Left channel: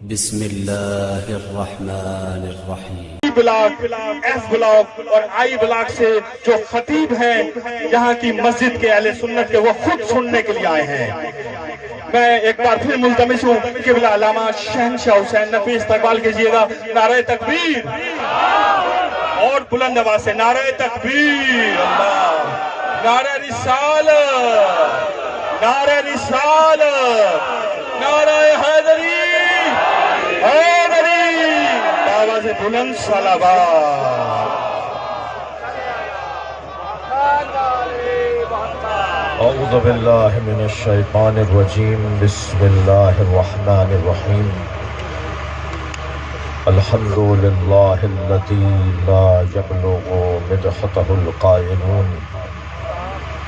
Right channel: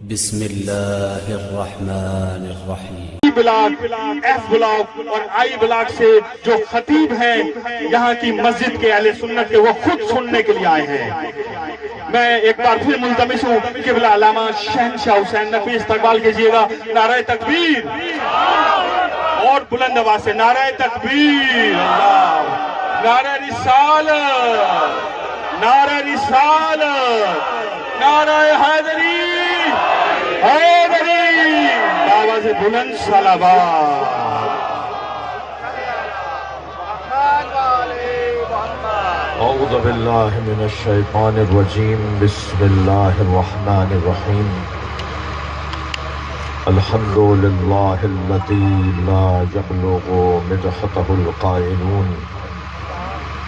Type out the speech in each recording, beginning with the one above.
بسم اللہ الرحمن الرحیم۔ ایس بلاک اور آئی بلاک سے جو خطیب ہیں یہاں کی مسجد کے اہل سنت کے، وہ خود سننے کے لیے آئے ہیں۔ میں ایک بار پھر ملتمس ہوں قبلہ علامہ شہنشاہ حسین نقوی استقبال کیجئے گا۔ نعرہ تکبیر اور بلند آواز سے نعرہ تکبیر، نعرہ رسالت، نعرہ رسالت، نعرہ حیدری، آواز بلند صلوات۔ اعوذ باللہ من الشیطان الرجیم، بسم اللہ الرحمن الرحیم۔ الحمد للہ الذی لا یبلغ مدحتہ القائلون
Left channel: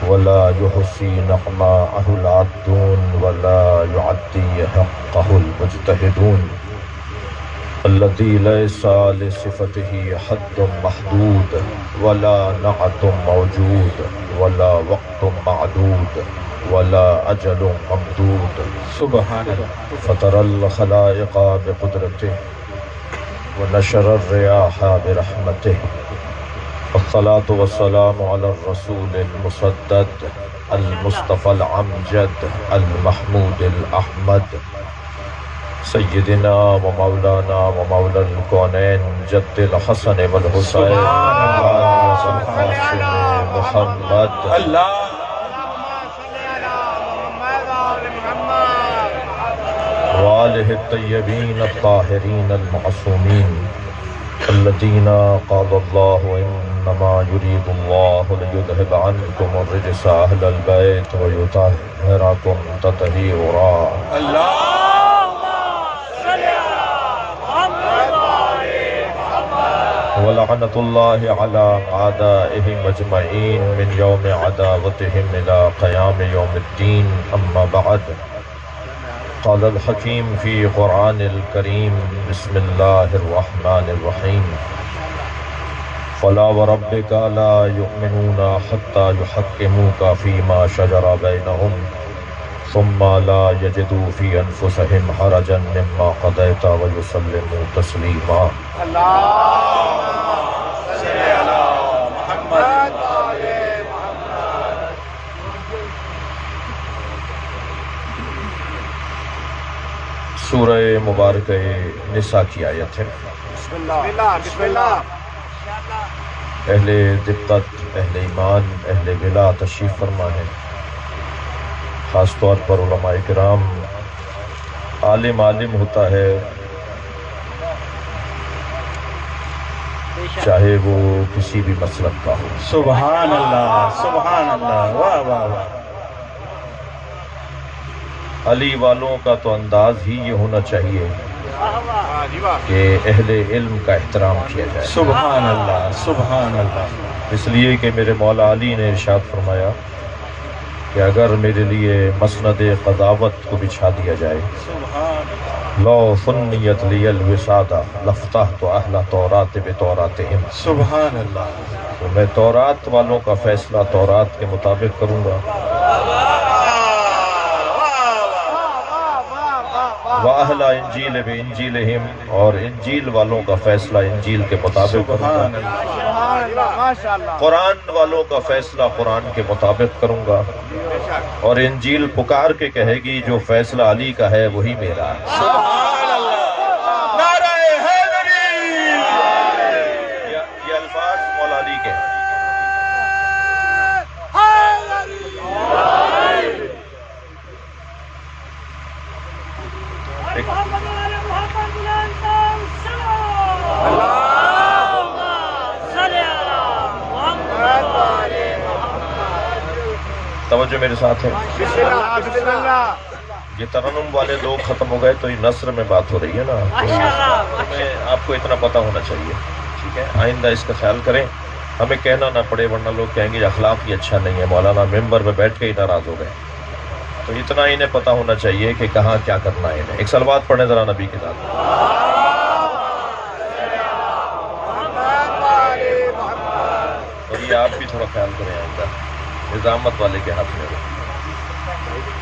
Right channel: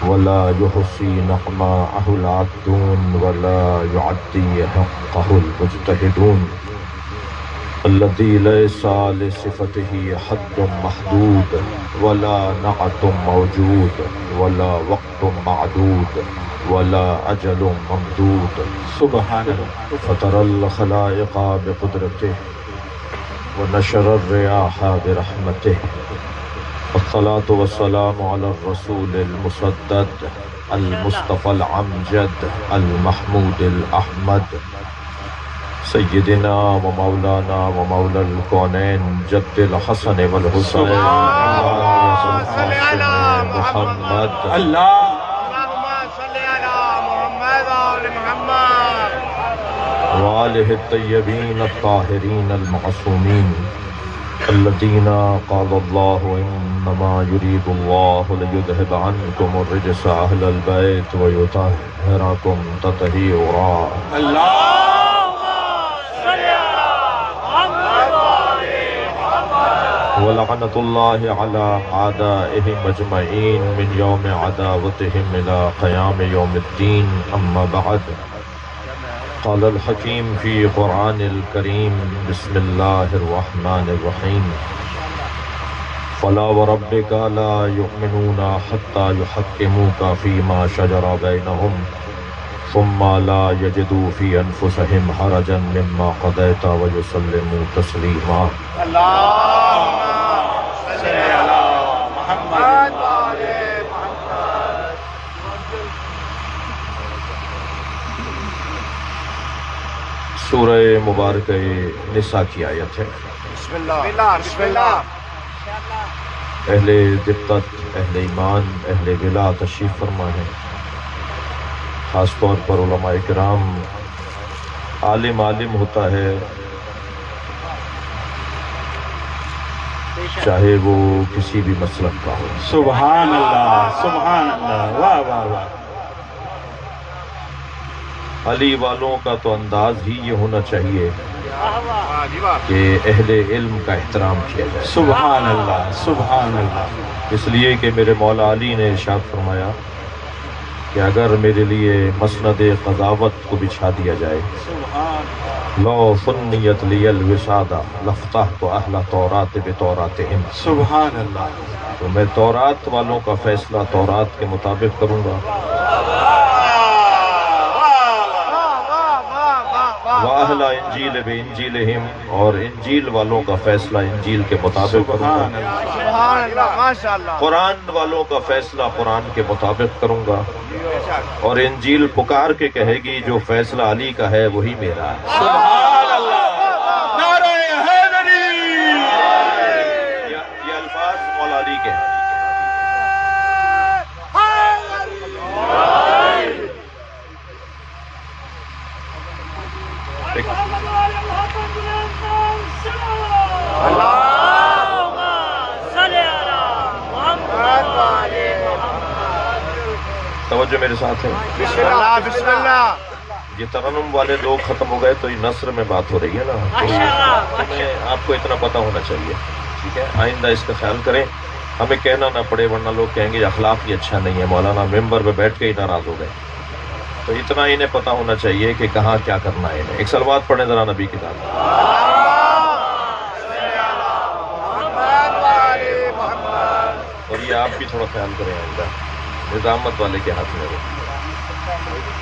ولا یحصی نعماءہ العابدون ولا یعدی حقہ المجتہدون، الذي ليس لصفته حد محدود ولا نعت موجود ولا وقت معدود ولا أجل ممدود، سبحان اللہ۔ فطر الخلائق بقدرته ونشر الرياح برحمته، والصلاة والسلام على الرسول المسدد المصطفى العمجد المحمود الأحمد، سیدنا و مولانا و مولا الکونین جد الحسن والحسین محمد، وآلہ الطیبین الطاہرین المعصومین الذین قال اللہ انما یرید اللہ لیذہب عنکم الرجس اہل البیت ویطہرکم تطہیرا۔ ولعنة الله على أعدائهم أجمعين من يوم عداوتهم إلى قيام يوم الدين، أما بعد، قال الحكيم في قرآن الكريم، بسم الله الرحمن الرحيم، فلا وربك لا يؤمنون حتى يحكموك فيما شجر بينهم ثم لا يجدوا في أنفسهم حرجا مما قضيت ويسلموا تسليما۔ سورہ مبارکہ نساء کی آیت ہے۔ بسم اللہ۔ اہل دقت، اہل ایمان، اہل ولا تشریف فرما ہے۔ خاص طور پر علماء کرام، عالم ہوتا ہے چاہے وہ کسی بھی مسلک کا ہو۔ سبحان اللہ، سبحان اللہ، واہ واہ واہ۔ علی والوں کا تو انداز ہی یہ ہونا چاہیے کہ اہل علم کا احترام کیا جائے۔ سبحان اللہ، سبحان اللہ۔ اس لیے کہ میرے مولا علی نے ارشاد فرمایا کہ اگر میرے لیے مسند قضاوت کو بچھا دیا جائے، لو سنیت لی الوسادہ لفتحت اہل تورات بتوراتہم، سبحان اللہ۔ تو میں تورات والوں کا فیصلہ تورات کے مطابق کروں گا، وَأَهْلَ إِنْجِيلِ بِإِنْجِيلِهِمْ، اور انجیل والوں کا فیصلہ انجیل کے مطابق کروں گا، قرآن والوں کا فیصلہ قرآن کے مطابق کروں گا، اور انجیل پکار کے کہے گی جو فیصلہ علی کا ہے وہی میرا ہے۔ سبحان اللہ، نعرہ حیدری۔ یہ الفاظ مولا علی کے ہیں۔ توجہ میرے ساتھ ہے۔ بسم اللہ۔ یہ ترنم والے لوگ ختم ہو گئے تو یہ نثر میں بات ہو رہی ہے نا، تو آپ کو اتنا پتہ ہونا چاہیے، ٹھیک ہے؟ آئندہ اس کا خیال کریں، ہمیں کہنا نہ پڑے، ورنہ لوگ کہیں گے اخلاق ہی اچھا نہیں ہے، مولانا ممبر پہ بیٹھ کے ہی ناراض ہو گئے۔ تو اتنا انہیں پتہ ہونا چاہیے کہ کہاں کیا کرنا ہے انہیں۔ ایک صلوات پڑھیں ذرا نبی کی نام۔ اور یہ آپ بھی تھوڑا خیال کریں، آئندہ نظامت والے کے ہاتھ میں ہو۔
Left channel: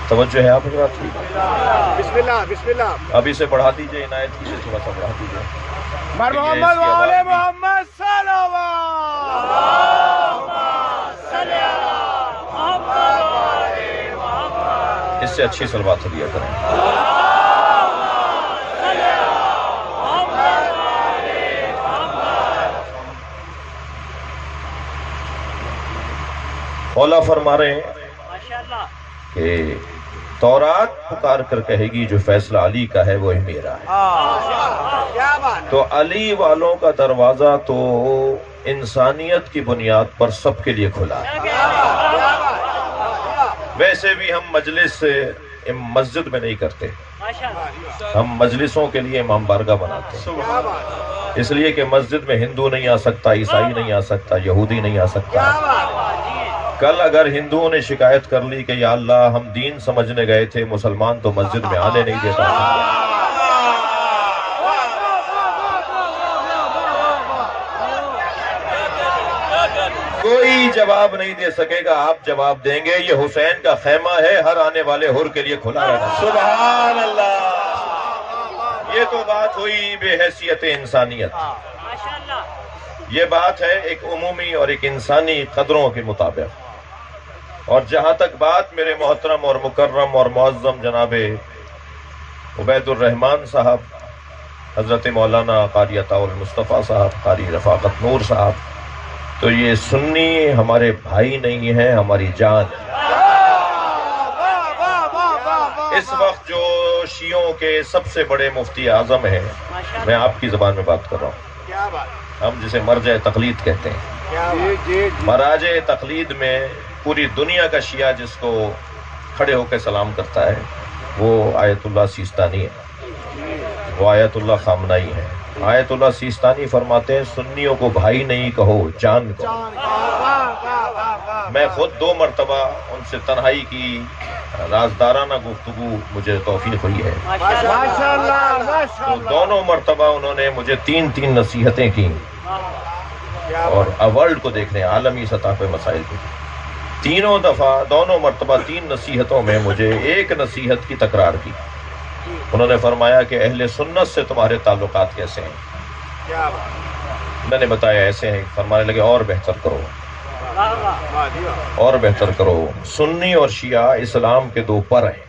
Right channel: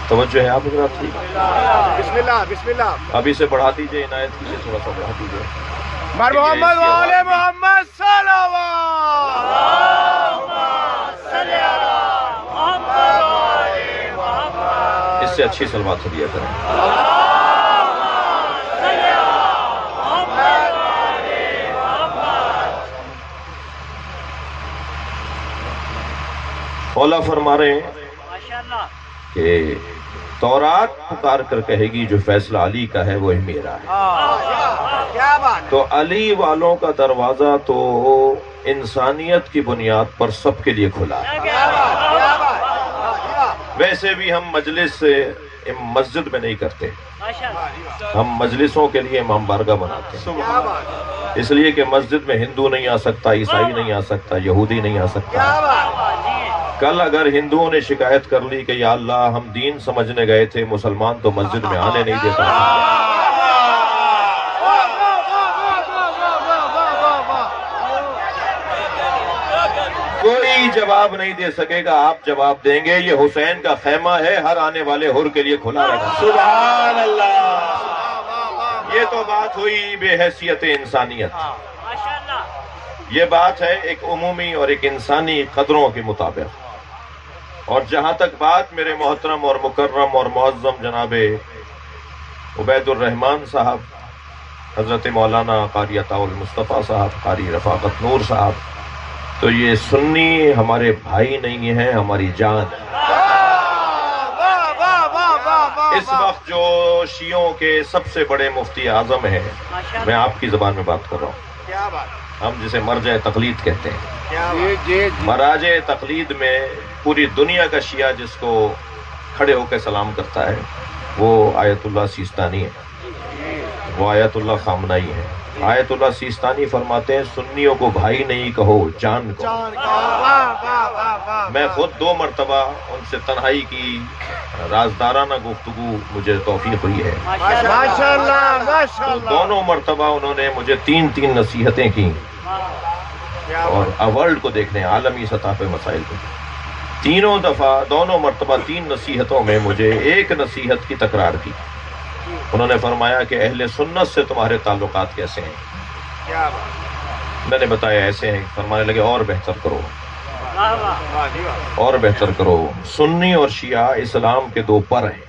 توجہ ہے آپ حضرات کی؟ بسم اللہ بسم اللہ. ابھی سے بڑھا دیجئے عنایت کی سے تھوڑا سا بڑھا دیجئے. محمد وآل محمد صلوات. اس سے اچھی صلوات دیا کریں. مولا فرما رہے ہیں کہ تورات پکار کر کہے گی جو فیصلہ علی کا ہے وہ میرا ہے. تو علی والوں کا دروازہ تو انسانیت کی بنیاد پر سب کے لیے کھلا ہے. ویسے بھی ہم مجلس سے مسجد میں نہیں کرتے، ہم مجلسوں کے لیے امام بارگاہ بناتے ہیں. اس لیے کہ مسجد میں ہندو نہیں آ سکتا، عیسائی نہیں آ سکتا، یہودی نہیں آ سکتا. کل اگر ہندوؤں نے شکایت کر لی کہ یا اللہ ہم دین سمجھنے گئے تھے، مسلمان تو مسجد میں آنے نہیں دیتا، کوئی جواب نہیں دے سکے گا. آپ جواب دیں گے یہ حسین کا خیمہ ہے، ہر آنے والے حر کے لیے کھلا رہنا. سبحان اللہ. یہ تو بات ہوئی بے حیثیت انسانیت. یہ بات ہے ایک عمومی اور ایک انسانی قدروں کے مطابق. اور جہاں تک بات میرے محترم اور مکرم اور معظم جناب عبید الرحمان صاحب، حضرت مولانا قاری عطا المصطفیٰ صاحب، قاری رفاقت نور صاحب، تو یہ سنی ہمارے بھائی نہیں ہیں، ہماری جان. اس وقت جو شیعوں کے سب سے بڑے مفتی اعظم ہیں، میں آپ کی زبان میں بات کر رہا ہوں، ہم جسے مرجع تقلید کہتے ہیں. مراجع تقلید میں پوری دنیا کا شیعہ جس کو کھڑے ہو کے سلام کرتا ہے وہ آیت اللہ سیستانی ہے، وہ آیت اللہ خامنائی ہے. آیت اللہ سیستانی فرماتے ہیں سنیوں کو بھائی نہیں کہو، جان کہو. میں خود 2 مرتبہ ان سے تنہائی کی رازدارانہ گفتگو مجھے توفیق ہوئی ہے. دونوں مرتبہ انہوں نے مجھے 3 نصیحتیں کی، اور ورلڈ کو دیکھ رہے ہیں عالمی سطح پہ مسائل کی. تینوں دفعہ دونوں مرتبہ 3 نصیحتوں میں مجھے ایک نصیحت کی تکرار کی. انہوں نے فرمایا کہ اہل سنت سے تمہارے تعلقات کیسے ہیں؟ میں نے بتایا ایسے ہیں. فرمانے لگے اور بہتر کرو، اور بہتر کرو. سنی اور شیعہ اسلام کے 2 پر ہیں.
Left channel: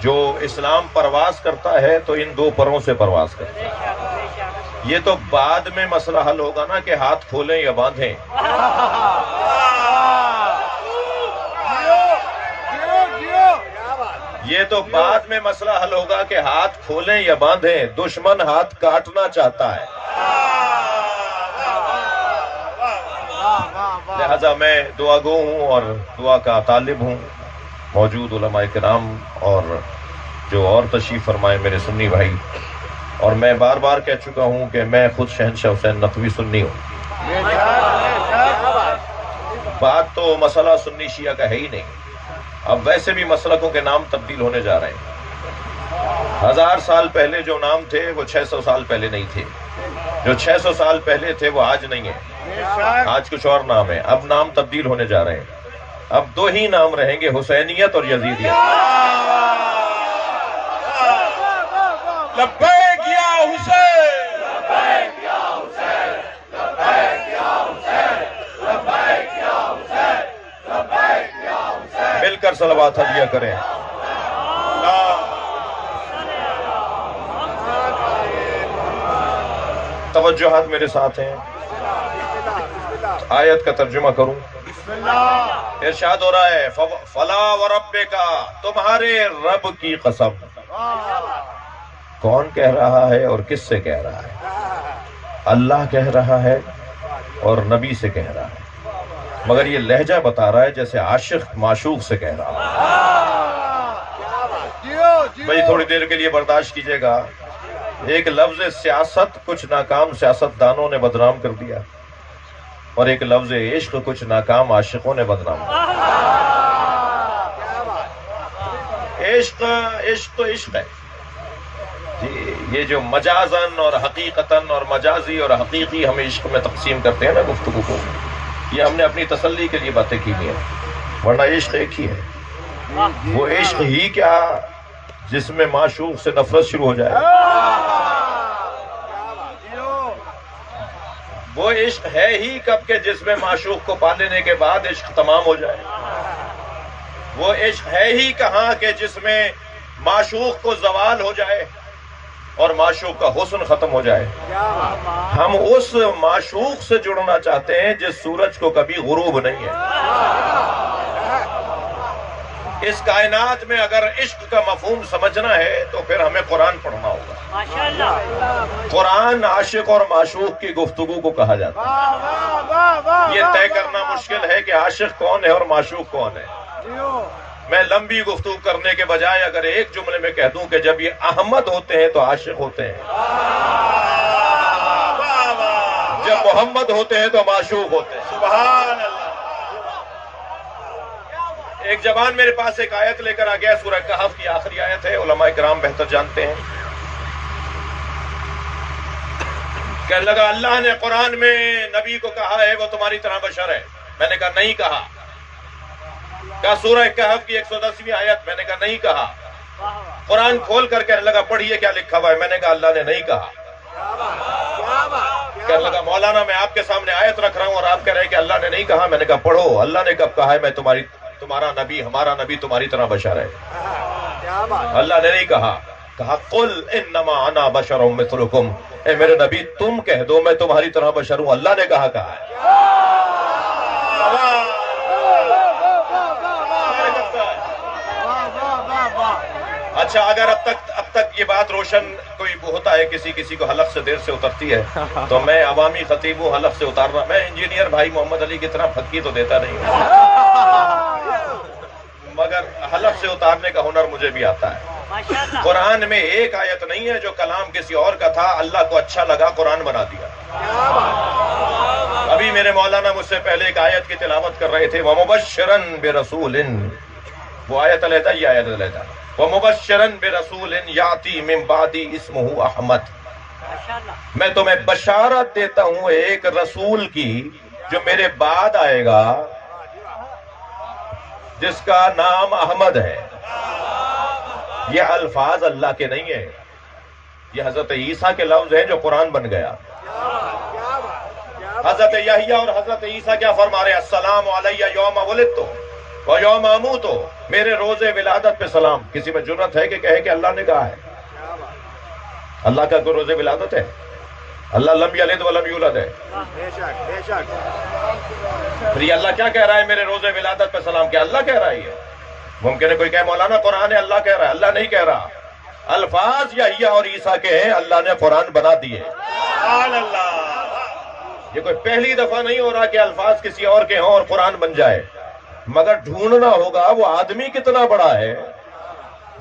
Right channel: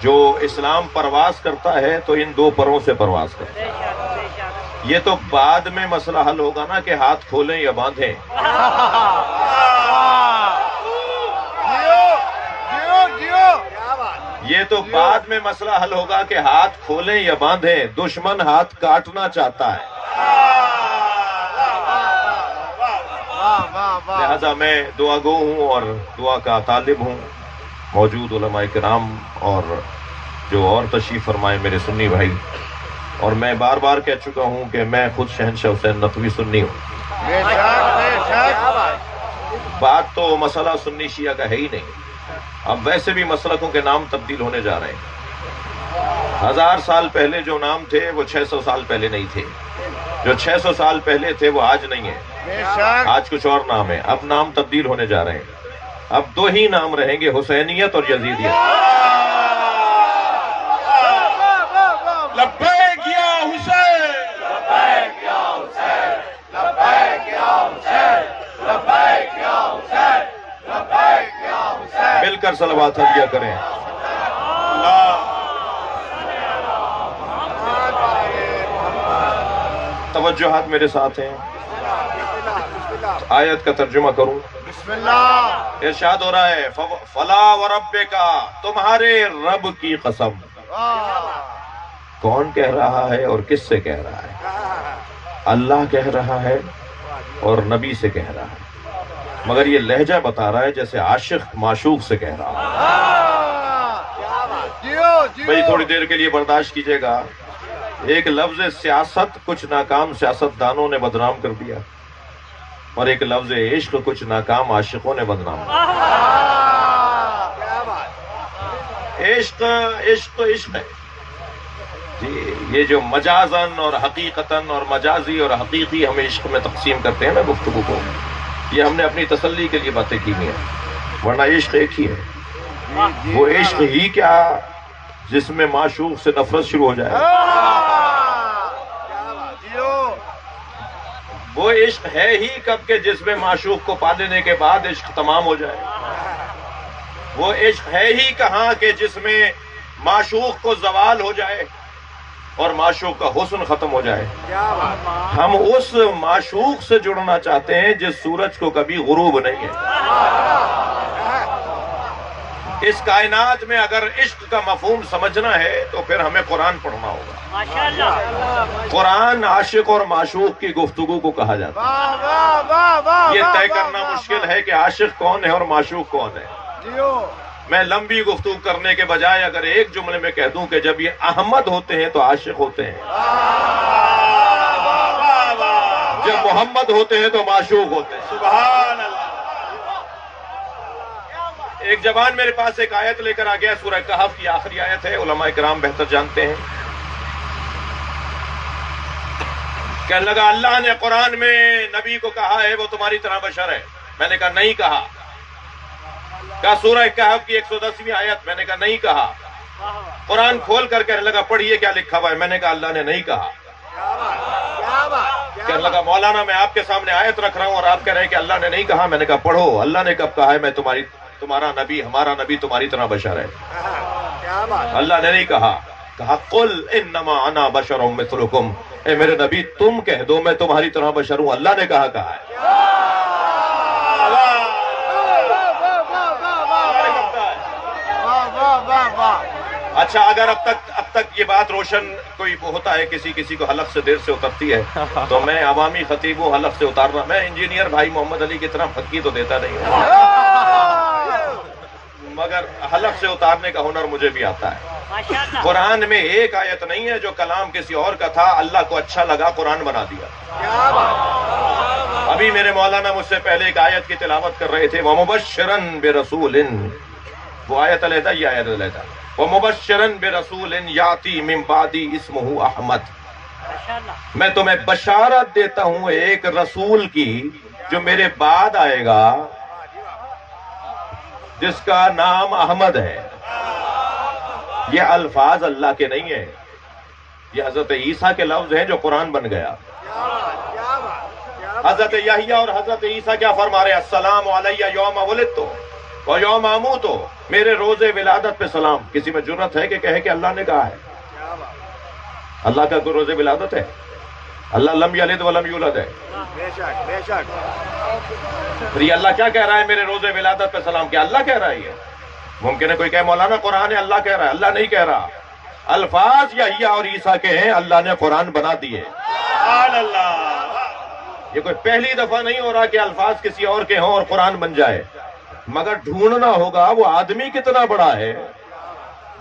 جو اسلام پرواز کرتا ہے تو ان 2 پروں سے پرواز کرتا ہے. یہ تو بعد میں مسئلہ حل ہوگا نا کہ ہاتھ کھولیں یا باندھیں. یہ تو بعد میں مسئلہ حل ہوگا کہ ہاتھ کھولیں یا باندھیں. دشمن ہاتھ کاٹنا چاہتا ہے. لہذا میں دعا گو ہوں اور دعا کا طالب ہوں. موجود علماء کرام اور جو اور تشریف فرمائے میرے سنی بھائی، اور میں بار بار کہہ چکا ہوں کہ میں خود شہنشاہ حسین نقوی سنی ہوں. بات تو مسئلہ سنی شیعہ کا ہے ہی نہیں. اب ویسے بھی مسلکوں کے نام تبدیل ہونے جا رہے ہیں. 1000 سال پہلے جو نام تھے وہ 600 سال پہلے نہیں تھے. جو 600 سال پہلے تھے وہ آج نہیں ہیں، آج کچھ اور نام ہے. اب نام تبدیل ہونے جا رہے ہیں. اب 2 ہی نام رہیں گے، حسینیت اور یزیدیت. لبیک یا حسین، لبیک یا حسین، لبیک یا حسین، لبیک یا حسین، لبیک یا حسین. مل کر صلوات ہدیہ کریں. توجہات میرے ساتھ ہیں. آیت کا ترجمہ کروں. ارشاد ہو رہا ہے فلا وربک، تمہارے رب کی قسم. کون کہہ رہا ہے اور کس سے کہہ رہا ہے؟ اللہ کہہ رہا ہے اور نبی سے کہہ رہا ہے، مگر یہ لہجہ بتا رہا ہے جیسے عاشق معشوق سے کہہ رہا ہے. بھائی تھوڑی دیر کے لیے برداشت کیجئے گا. ایک لفظ سیاست کچھ ناکام سیاست دانوں نے بدنام کر دیا، اور ایک لفظ عشق کچھ ناکام عاشقوں نے بدنام کر دیا. عشق تو عشق ہے جی. یہ جو مجازن اور حقیقتاً اور مجازی اور حقیقی ہم عشق میں تقسیم کرتے ہیں نا گفتگو کو، یہ ہم نے اپنی تسلی کے لیے باتیں کی ہیں. ورنہ عشق ایک ہی ہے. وہ عشق ہی کیا جس میں معشوق سے نفرت شروع ہو جائے. وہ عشق ہے ہی کب کہ جس میں معشوق کو پا لینے کے بعد عشق تمام ہو جائے. وہ عشق ہے ہی کہاں کہ جس میں معشوق کو زوال ہو جائے اور معشوق کا حسن ختم ہو جائے. ہم اس معشوق سے جڑنا چاہتے ہیں جس سورج کو کبھی غروب نہیں ہے. اس کائنات میں اگر عشق کا مفہوم سمجھنا ہے تو پھر ہمیں قرآن پڑھنا ہوگا. ماشاءاللہ. قرآن عاشق اور معشوق کی گفتگو کو کہا جاتا ہے. یہ طے کرنا مشکل ہے کہ عاشق کون ہے اور معشوق کون ہے. میں لمبی گفتگو کرنے کے بجائے اگر ایک جملے میں کہہ دوں کہ جب یہ احمد ہوتے ہیں تو عاشق ہوتے ہیں, جب محمد ہوتے ہیں تو معشوق ہوتے ہیں. سبحان اللہ. ایک جوان میرے پاس ایک آیت لے کر آ گیا, سورہ کہف کی آخری آیت ہے, علماء کرام بہتر جانتے ہیں. کہنے لگا اللہ نے قرآن میں نبی کو کہا ہے وہ تمہاری طرح بشر ہے. میں نے کہا نہیں کہا. کہا سورہ کہف کی 110ویں آیت. میں نے کہا نہیں کہا. قرآن کھول کر کہنے لگا پڑھیے کیا لکھا ہوا ہے. میں نے کہا اللہ نے نہیں کہا. کہنے لگا مولانا میں آپ کے سامنے آیت رکھ رہا ہوں اور آپ کہہ رہے ہیں کہ اللہ نے نہیں کہا. میں نے کہا پڑھو اللہ نے کب کہا ہے میں تمہارا نبی ہمارا نبی تمہاری طرح بشر ہے. اللہ نے نہیں کہا. کہا قل انما انا بشر مثلکم, اے میرے نبی تم کہہ دو میں تمہاری طرح بشر ہوں. اللہ نے کہا ہے. اچھا اگر اب تک یہ بات روشن کوئی ہوتا ہے, کسی کو حلق سے دیر سے اترتی ہے تو میں عوامی خطیب ہوں, حلق سے اتارنا. میں انجینئر بھائی محمد علی کی طرح پھکی تو دیتا نہیں ہوں, مگر حلق سے اتارنے کا ہنر مجھے بھی آتا ہے. قرآن میں ایک آیت نہیں ہے جو کلام کسی اور کا تھا, اللہ کو اچھا لگا قرآن بنا دیا. ابھی میرے مولانا مجھ سے پہلے ایک آیت کی تلاوت کر رہے تھے, وَمُبَشِّرًا بِرَسُولٍ, وہ آیت علیحدہ یہ آیت علیحدہ. وَمُبَشِّرًا بِرَسُولٍ يَأْتِي مِن بَعْدِي اسْمُهُ احمد, میں تمہیں بشارت دیتا ہوں ایک رسول کی جو میرے بعد آئے گا جس کا نام احمد ہے. یہ الفاظ اللہ کے نہیں ہیں, یہ حضرت عیسیٰ کے لفظ ہیں جو قرآن بن گیا. حضرت یحییٰ اور حضرت عیسیٰ کیا فرما رہے ہیں, السلام علیہ یوم ولدت و یوم اموت, میرے روز ولادت پہ سلام. کسی میں جرت ہے کہ کہے کہ اللہ نے کہا ہے؟ اللہ کا کوئی روز ولادت ہے؟ اللہ لم یلد ولم یولد ہے. پھر یہ اللہ کیا کہہ رہا ہے میرے روز ولادت پہ سلام؟ کیا اللہ کہہ رہا ہے؟ یہ ممکن ہے کوئی کہے مولانا قرآن ہے اللہ کہہ رہا ہے. اللہ نہیں کہہ رہا, الفاظ یحییٰ اور عیسیٰ کے ہیں, اللہ نے قرآن بنا دیے. سبحان اللہ. یہ کوئی پہلی دفعہ نہیں ہو رہا کہ الفاظ کسی اور کے ہوں اور قرآن بن جائے, مگر ڈھونڈنا ہوگا وہ آدمی کتنا بڑا ہے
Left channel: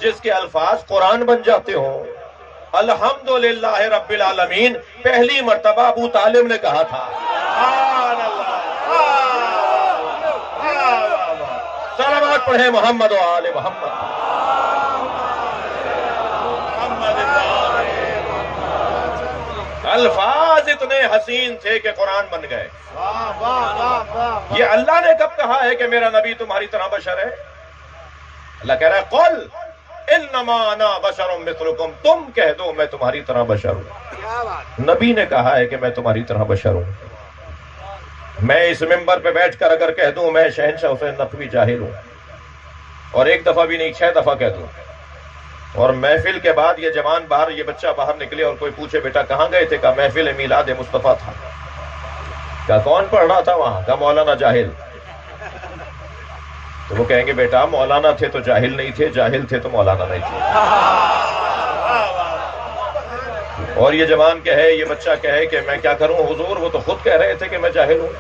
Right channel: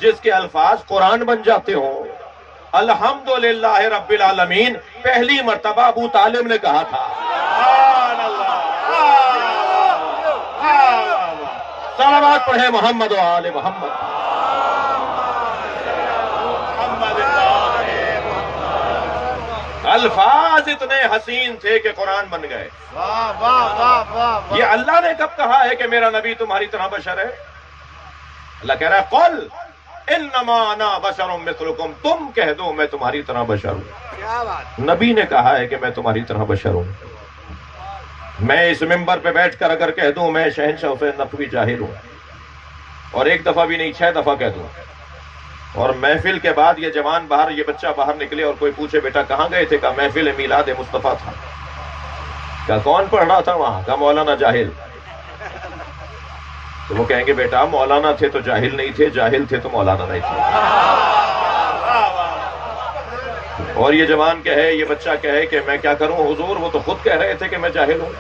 جس کے الفاظ قرآن بن جاتے ہوں. الحمدللہ رب العالمین پہلی مرتبہ ابو طالب نے کہا تھا. صلوات پڑھیں محمد و آل محمد. الفاظ اتنے حسین تھے کہ قرآن بن گئے. یہ اللہ نے کب کہا ہے کہ میرا نبی تمہاری طرح بشر ہے؟ اللہ کہہ رہا ہے قل انما انا بشر مثلکم, تم کہہ دو میں تمہاری طرح بشر ہوں. نبی نے کہا ہے کہ میں تمہاری طرح بشر ہوں. میں اس ممبر پہ بیٹھ کر اگر کہہ دوں میں شہنشاہ حسین نقوی جاہل ہوں, اور ایک دفعہ بھی نہیں 6 دفعہ کہہ دوں, اور محفل کے بعد یہ جوان باہر, یہ بچہ باہر نکلے اور کوئی پوچھے بیٹا کہاں گئے تھے؟ کہا محفل میلاد مصطفیٰ تھا. کہا کون پڑھ رہا تھا وہاں؟ کہا مولانا جاہل. تو وہ کہیں گے بیٹا مولانا تھے تو جاہل نہیں تھے, جاہل تھے تو مولانا نہیں تھے. اور یہ جوان کہے, یہ بچہ کہے کہ میں کیا کروں حضور, وہ تو خود کہہ رہے تھے کہ میں جاہل ہوں.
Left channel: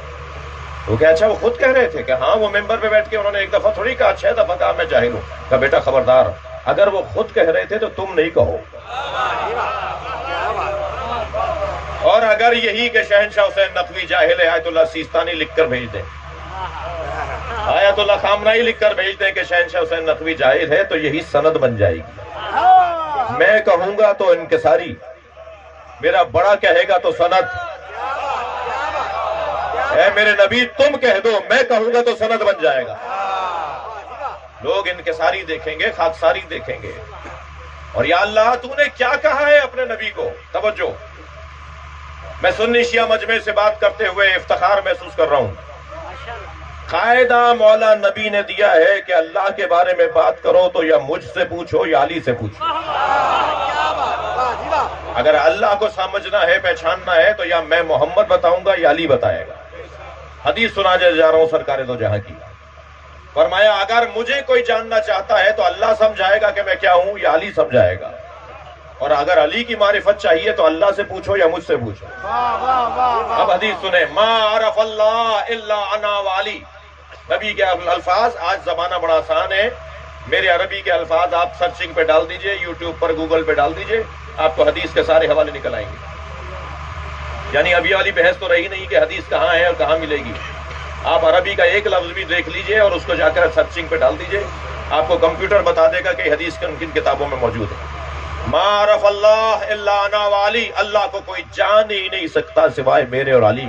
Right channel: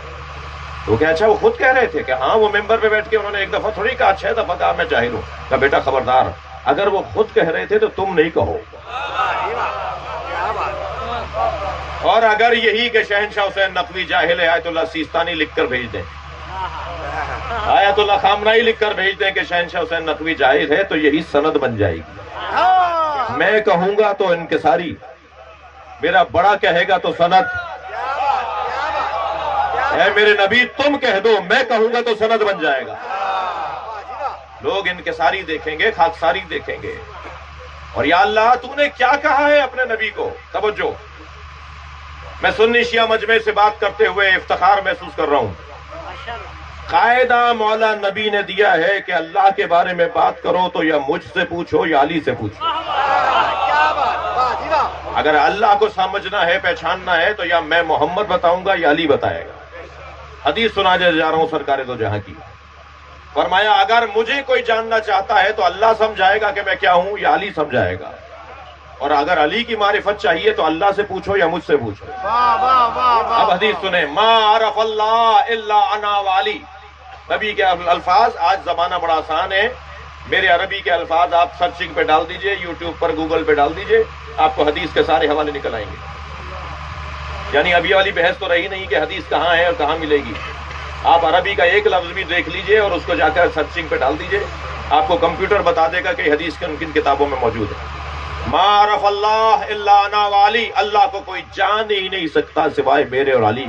تو کہ اچھا وہ خود کہہ رہے تھے کہ ہاں, وہ ممبر پہ بیٹھ کے انہوں نے ایک دفعہ تھوڑی کہا, 6 دفعہ کہا میں جاہل ہوں. کہا بیٹا خبردار, اگر وہ خود کہہ رہے تھے تو تم نہیں کہو. اور اگر یہی کہ شہنشاہ حسین نقوی جاہل ہے, آیت اللہ سیستانی لکھ کر بھیج دیں, آیت اللہ خامنائی لکھ کر بھیج دیں کہ شہنشاہ حسین نقوی جاہل ہے, تو یہی سند بن جائے گی. میں کہوں گا تو انکساری, میرا بڑا کہے گا تو سند. اے میرے نبی تم کہہ دو, میں کہوں گا تو سند بن جائے گا. لوگ انکساری دیکھیں گے، خاکساری دیکھیں گے. اور یا اللہ تو نے کیا کہا ہے اپنے نبی کو؟ توجہ، میں سنی شیعہ مجمع سے بات کرتے ہوئے افتخار محسوس کر رہا ہوں. قاعدہ مولا نبی نے دیا ہے کہ اللہ کے بارے میں بات کرو تو یا مجھ سے پوچھو یا علی سے پوچھو. اگر اللہ کو سمجھنا ہے، پہچاننا ہے تو یا میں محمد بتاؤں گا یا علی بتائے گا. حدیث سنانے جا رہا ہوں سرکار دو جہاں کی. فرمایا اگر مجھے کوئی جاننا چاہتا ہے تو اللہ سمجھائے گا کہ میں کیا ہوں یا علی سمجھائے گا. اور اگر علی کی معرفت چاہیے تو اللہ سے پوچھو یا مجھ سے پوچھو. اب حدیث سنیں، ما عرف اللہ الا انا وعلی. نبی کے الفاظ، آج زمانہ بڑا آسان ہے، میرے عربی کے الفاظ آپ سرچنگ پہ ڈال دیجئے، یوٹیوب پر گوگل پہ ڈال دیجئے، آپ کو حدیث کے سارے حوالے نکل آئیں گے. یعنی ابھی والی بحث تو رہی نہیں کہ حدیث کہاں ہے اور کہاں ملے گی. آپ عربی کا ایک لفظ بھی دیکھ لیجئے اور اس کو جا کر سرچنگ پہ ڈال دیجئے، آپ کو کمپیوٹر بتا دے گا کہ حدیث کن کن کتابوں میں موجود ہے. ما عرف اللہ الا انا وعلی. اللہ کو کوئی جان ہی نہیں سکتا سوائے میرے اور علی.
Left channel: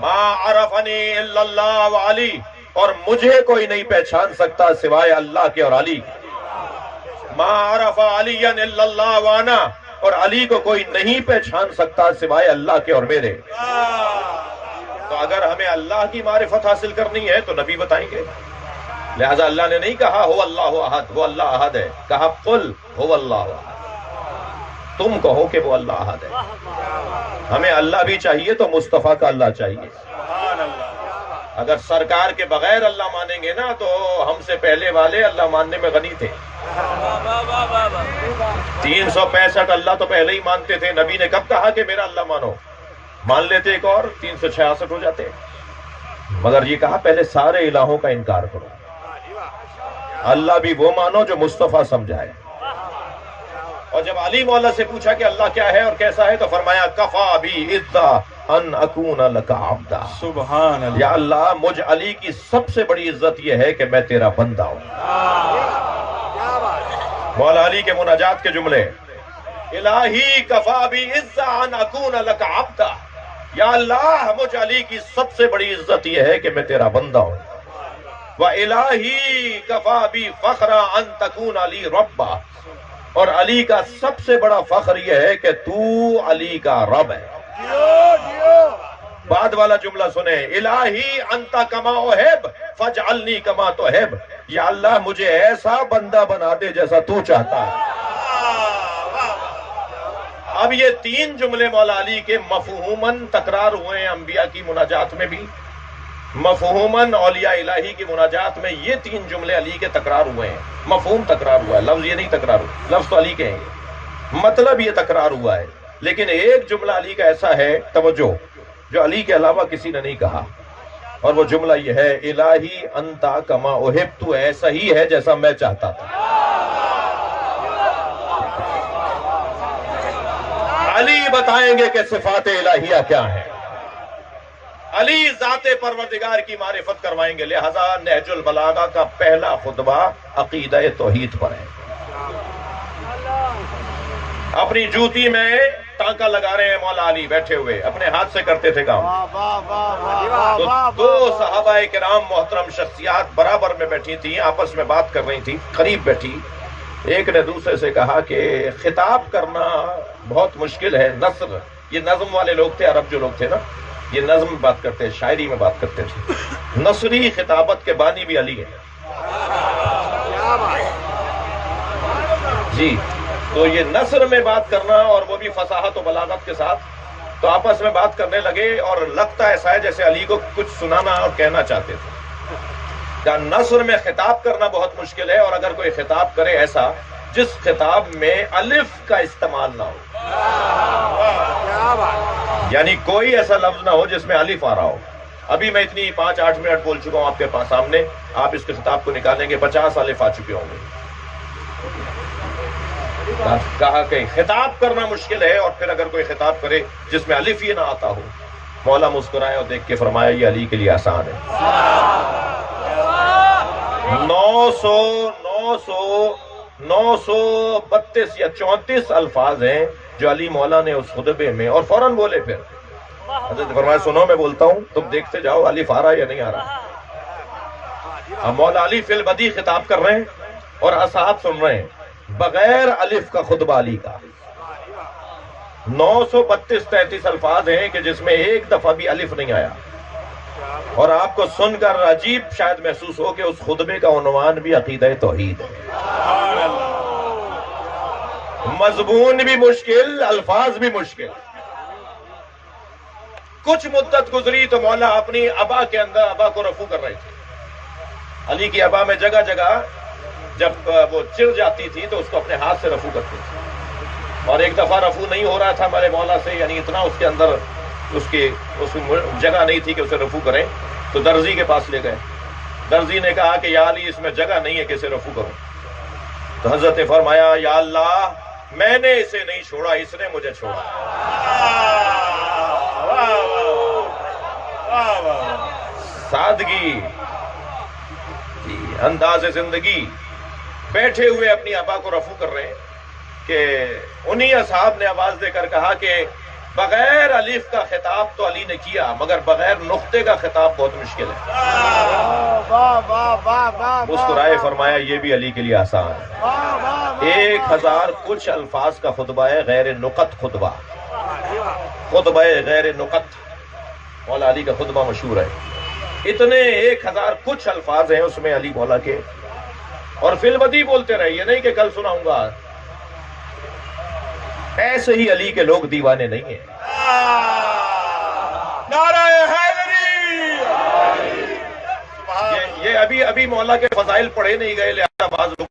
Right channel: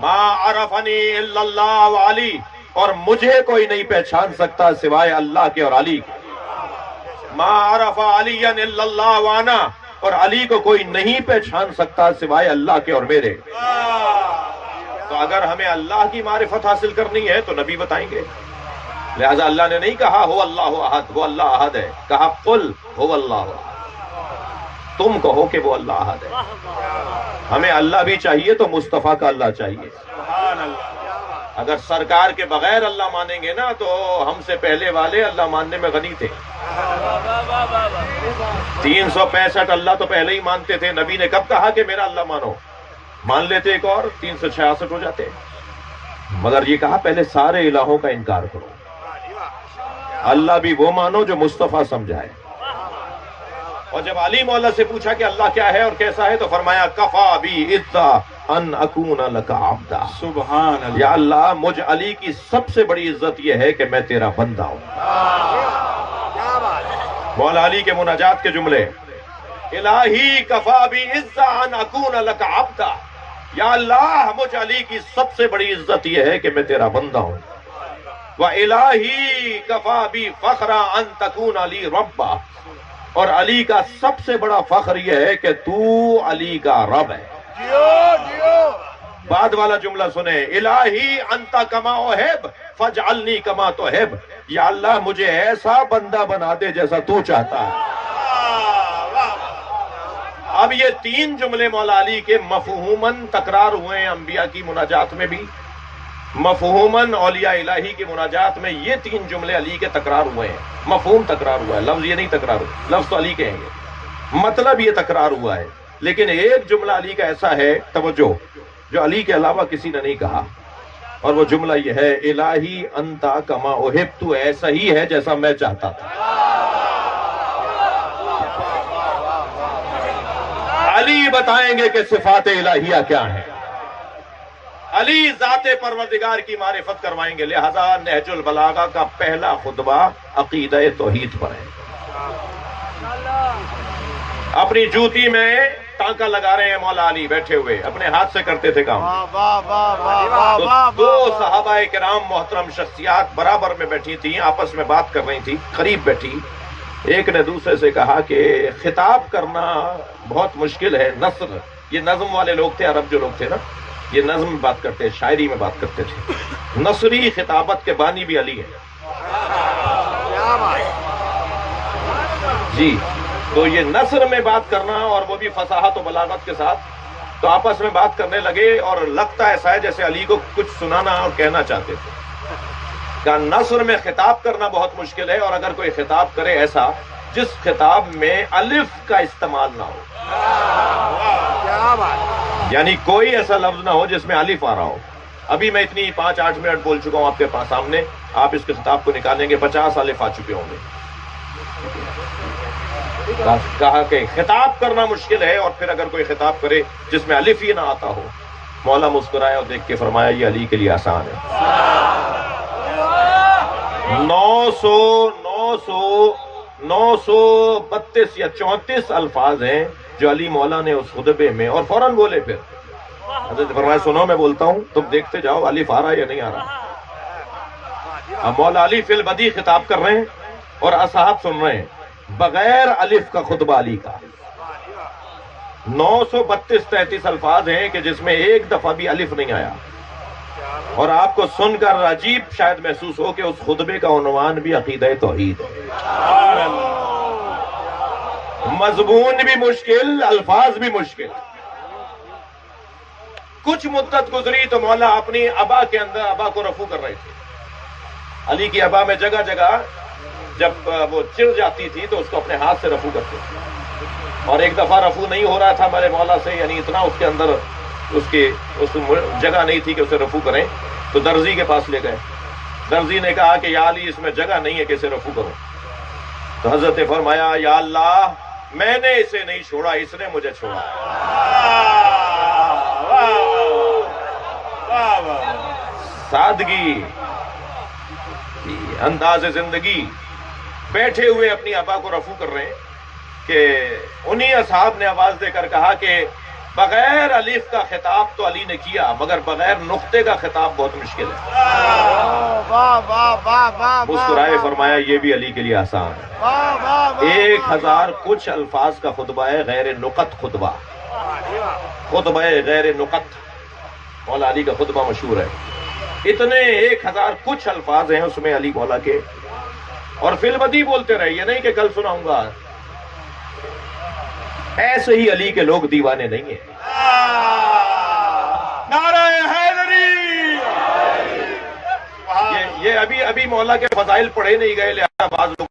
ما عرفنی الا اللہ وعلی. اور مجھے کوئی نہیں پہچان سکتا سوائے اللہ کے اور علی کے. ما عرف علی الا اللہ وانا. اور علی کو کوئی نہیں پہچان سکتا سوائے اللہ کے اور میرے. تو اگر ہمیں اللہ کی معرفت حاصل کرنی ہے تو نبی بتائیں گے. لہذا اللہ نے نہیں کہا ہو اللہ احد، وہ اللہ احد ہے. کہا قل ہو اللہ احد. تم کہو کہ وہ اللہ احد ہے. ہمیں اللہ بھی چاہیے تو مصطفیٰ کا اللہ چاہیے. اگر سرکار کے بغیر اللہ مانیں گے نا تو ہم سے پہلے والے اللہ ماننے میں غنی تھے. 365 اللہ تو پہلے ہی مانتے تھے. نبی نے کب کہا کہ میرا اللہ مانو؟ مان لیتے ایک اور 366 ہو جاتے. مگر یہ کہا پہلے سارے الہوں کا انکار کرو. اللہ بھی وہ مانو جو مصطفیٰ سمجھائے. اور جب علی مولا سے پوچھا کہ اللہ کیا ہے اور کیسا ہے تو فرمایا کفا بی عزا ان اکون لک عبدا. سبحان اللہ. یا اللہ مجھ علی کی سب سے بڑی عزت یہ ہے کہ میں تیرا بندہ ہوں. مولا علی کے مناجات کے جملے، الہی کفا بی عزا ان اکون لک عبدا. یا اللہ مجھ علی کی سب سے بڑی عزت یہ ہے کہ میں تیرا بندہ ہوں. وَإِلَٰهِ كَفَى بِي فَخْرًا أَن تَكُونَ لِي رَبًّا. اور علی کا سب سے بڑا فخر یہ ہے کہ تو علی کا رب ہے. بعد والا جملہ سنیں، الہی انت کما احب فاجعلنی کما تحب. یا اللہ مجھے ایسا بندہ بنا دے جیسا تو چاہتا ہے. اب یہ تین جملے مولا علی کے مفہوماً تکرار ہوئے ہیں انبیاء کی مناجات میں بھی، مفہوماً اولیاء الہی کی مناجات میں. یہ تین جملے علی کے تکرار ہوئے ہیں. مفہوم تکرار ہوا ہے، لفظ یہ نہیں تکرار ہوا. لفظ تو علی کے ہیں یہ، مطلب یہ تکرار ہوا ہے. لیکن ایک جملہ علی کا ایسا ہے، توجہ، جو علی کے علاوہ کسی نے نہیں کہا. اور وہ جملہ یہ ہے، الہی انتا کما احب. تو ایسا ہی ہے جیسا میں چاہتا تھا. علی بتائیں گے کہ صفات الہیہ کیا ہیں. علی ذات پروردگار کی معرفت کروائیں گے. لہذا نہج البلاغہ کا پہلا خطبہ عقیدہ توحید پر ہے. اپنی جوتی میں ٹانکا لگا رہے ہیں مولا علی بیٹھے ہوئے، اپنے ہاتھ سے کرتے تھے کام. تو دو صحابہ کرام محترم شخصیات برابر میں بیٹھی تھیں، آپس میں بات کر رہی تھی، قریب بیٹھی. ایک نے دوسرے سے کہا کہ خطاب کرنا بہت مشکل ہے. نثر، یہ نظم والے لوگ تھے، عرب جو لوگ تھے نا، یہ نظم میں بات کرتے، شاعری میں بات کرتے تھے. نثری خطابت کے بانی بھی علی ہے. جی، تو یہ نثر میں بات کرنا اور وہ بھی فصاحت و بلاغت کے ساتھ، تو آپس میں بات کرنے لگے اور لگتا ایسا ہے جیسے علی کو کچھ سنانا اور کہنا چاہتے تھے. کہ نثر میں خطاب کرنا بہت مشکل ہے، اور اگر کوئی خطاب کرے ایسا جس خطاب میں الف کا استعمال نہ ہو، یعنی کوئی ایسا لفظ نہ ہو جس میں الف آ رہا ہو. ابھی میں اتنی 5-8 منٹ بول چکا ہوں آپ کے پاس سامنے، آپ اس کے خطاب کو نکالیں گے 50 الف آ چکے ہوں گے. کہا کہ خطاب کرنا مشکل ہے، اور پھر اگر کوئی خطاب کرے جس میں الف ہی نہ آتا ہو. مولا مسکرائے اور دیکھ کے فرمایا یہ علی کے لیے آسان ہے. 932 یا 34 الفاظ ہیں جو علی مولا نے اس خطبے میں، اور فوراً بولے. پھر حضرت فرمایا سنو میں بولتا ہوں، تم دیکھتے جاؤ الف آ رہا یا نہیں آ رہا. اب مولا علی فی البدی خطاب کر رہے ہیں اور اصحاب سن رہے ہیں بغیر الف کا خطبہ علی کا 932-33 الفاظ ہیں کہ جس میں ایک دفعہ بھی الف نہیں آیا، اور آپ کو سن کر عجیب شاید محسوس ہو کہ اس خطبے کا عنوان بھی عقیدہ توحید ہے، مضمون بھی مشکل، الفاظ بھی مشکل۔ کچھ مدت گزری تو مولا اپنی ابا کے اندر ابا کو رفع کر رہے تھے۔ علی کی ابا میں جگہ جگہ جب وہ چڑ جاتی تھی تو اس کو اپنے ہاتھ سے رفع کرتے تھے، اور ایک دفعہ رفع نہیں ہو رہا تھا ہمارے مولا سے، یعنی اتنا اس کے اندر اس جگہ نہیں تھی کہ اسے رفع کریں، تو درزی کے پاس لے گئے۔ درزی نے کہا کہ یا علی اس میں جگہ نہیں ہے کہ اسے رفع کروں، تو حضرت نے فرمایا یا اللہ میں نے اسے نہیں چھوڑا، اس نے مجھے چھوڑا۔ سادگی، انداز زندگی، بیٹھے ہوئے اپنی ابا کو رفع کر رہے ہیں کہ انہی اصحاب نے آواز دے کر کہا کہ بغیر الف کا خطاب تو علی نے کیا، مگر بغیر نقطے کا خطاب بہت مشکل ہے۔ مسکرائے فرمایا یہ بھی علی کے لیے آسان ہے۔ 1000 کچھ الفاظ کا خطبہ ہے، غیر نقط خطبہ، خطبہ غیر نقط، مولا علی کا خطبہ مشہور ہے۔ اتنے 1000 کچھ الفاظ ہیں اس میں علی مولا کے، اور فی البدی بولتے رہے، یہ نہیں کہ کل سناؤں گا۔ ایسے ہی علی کے لوگ دیوانے نہیں ہیں۔ نعرہ حیدری! یہ ابھی مولا کے فضائل پڑھے نہیں گئے، لہذا بعض لوگ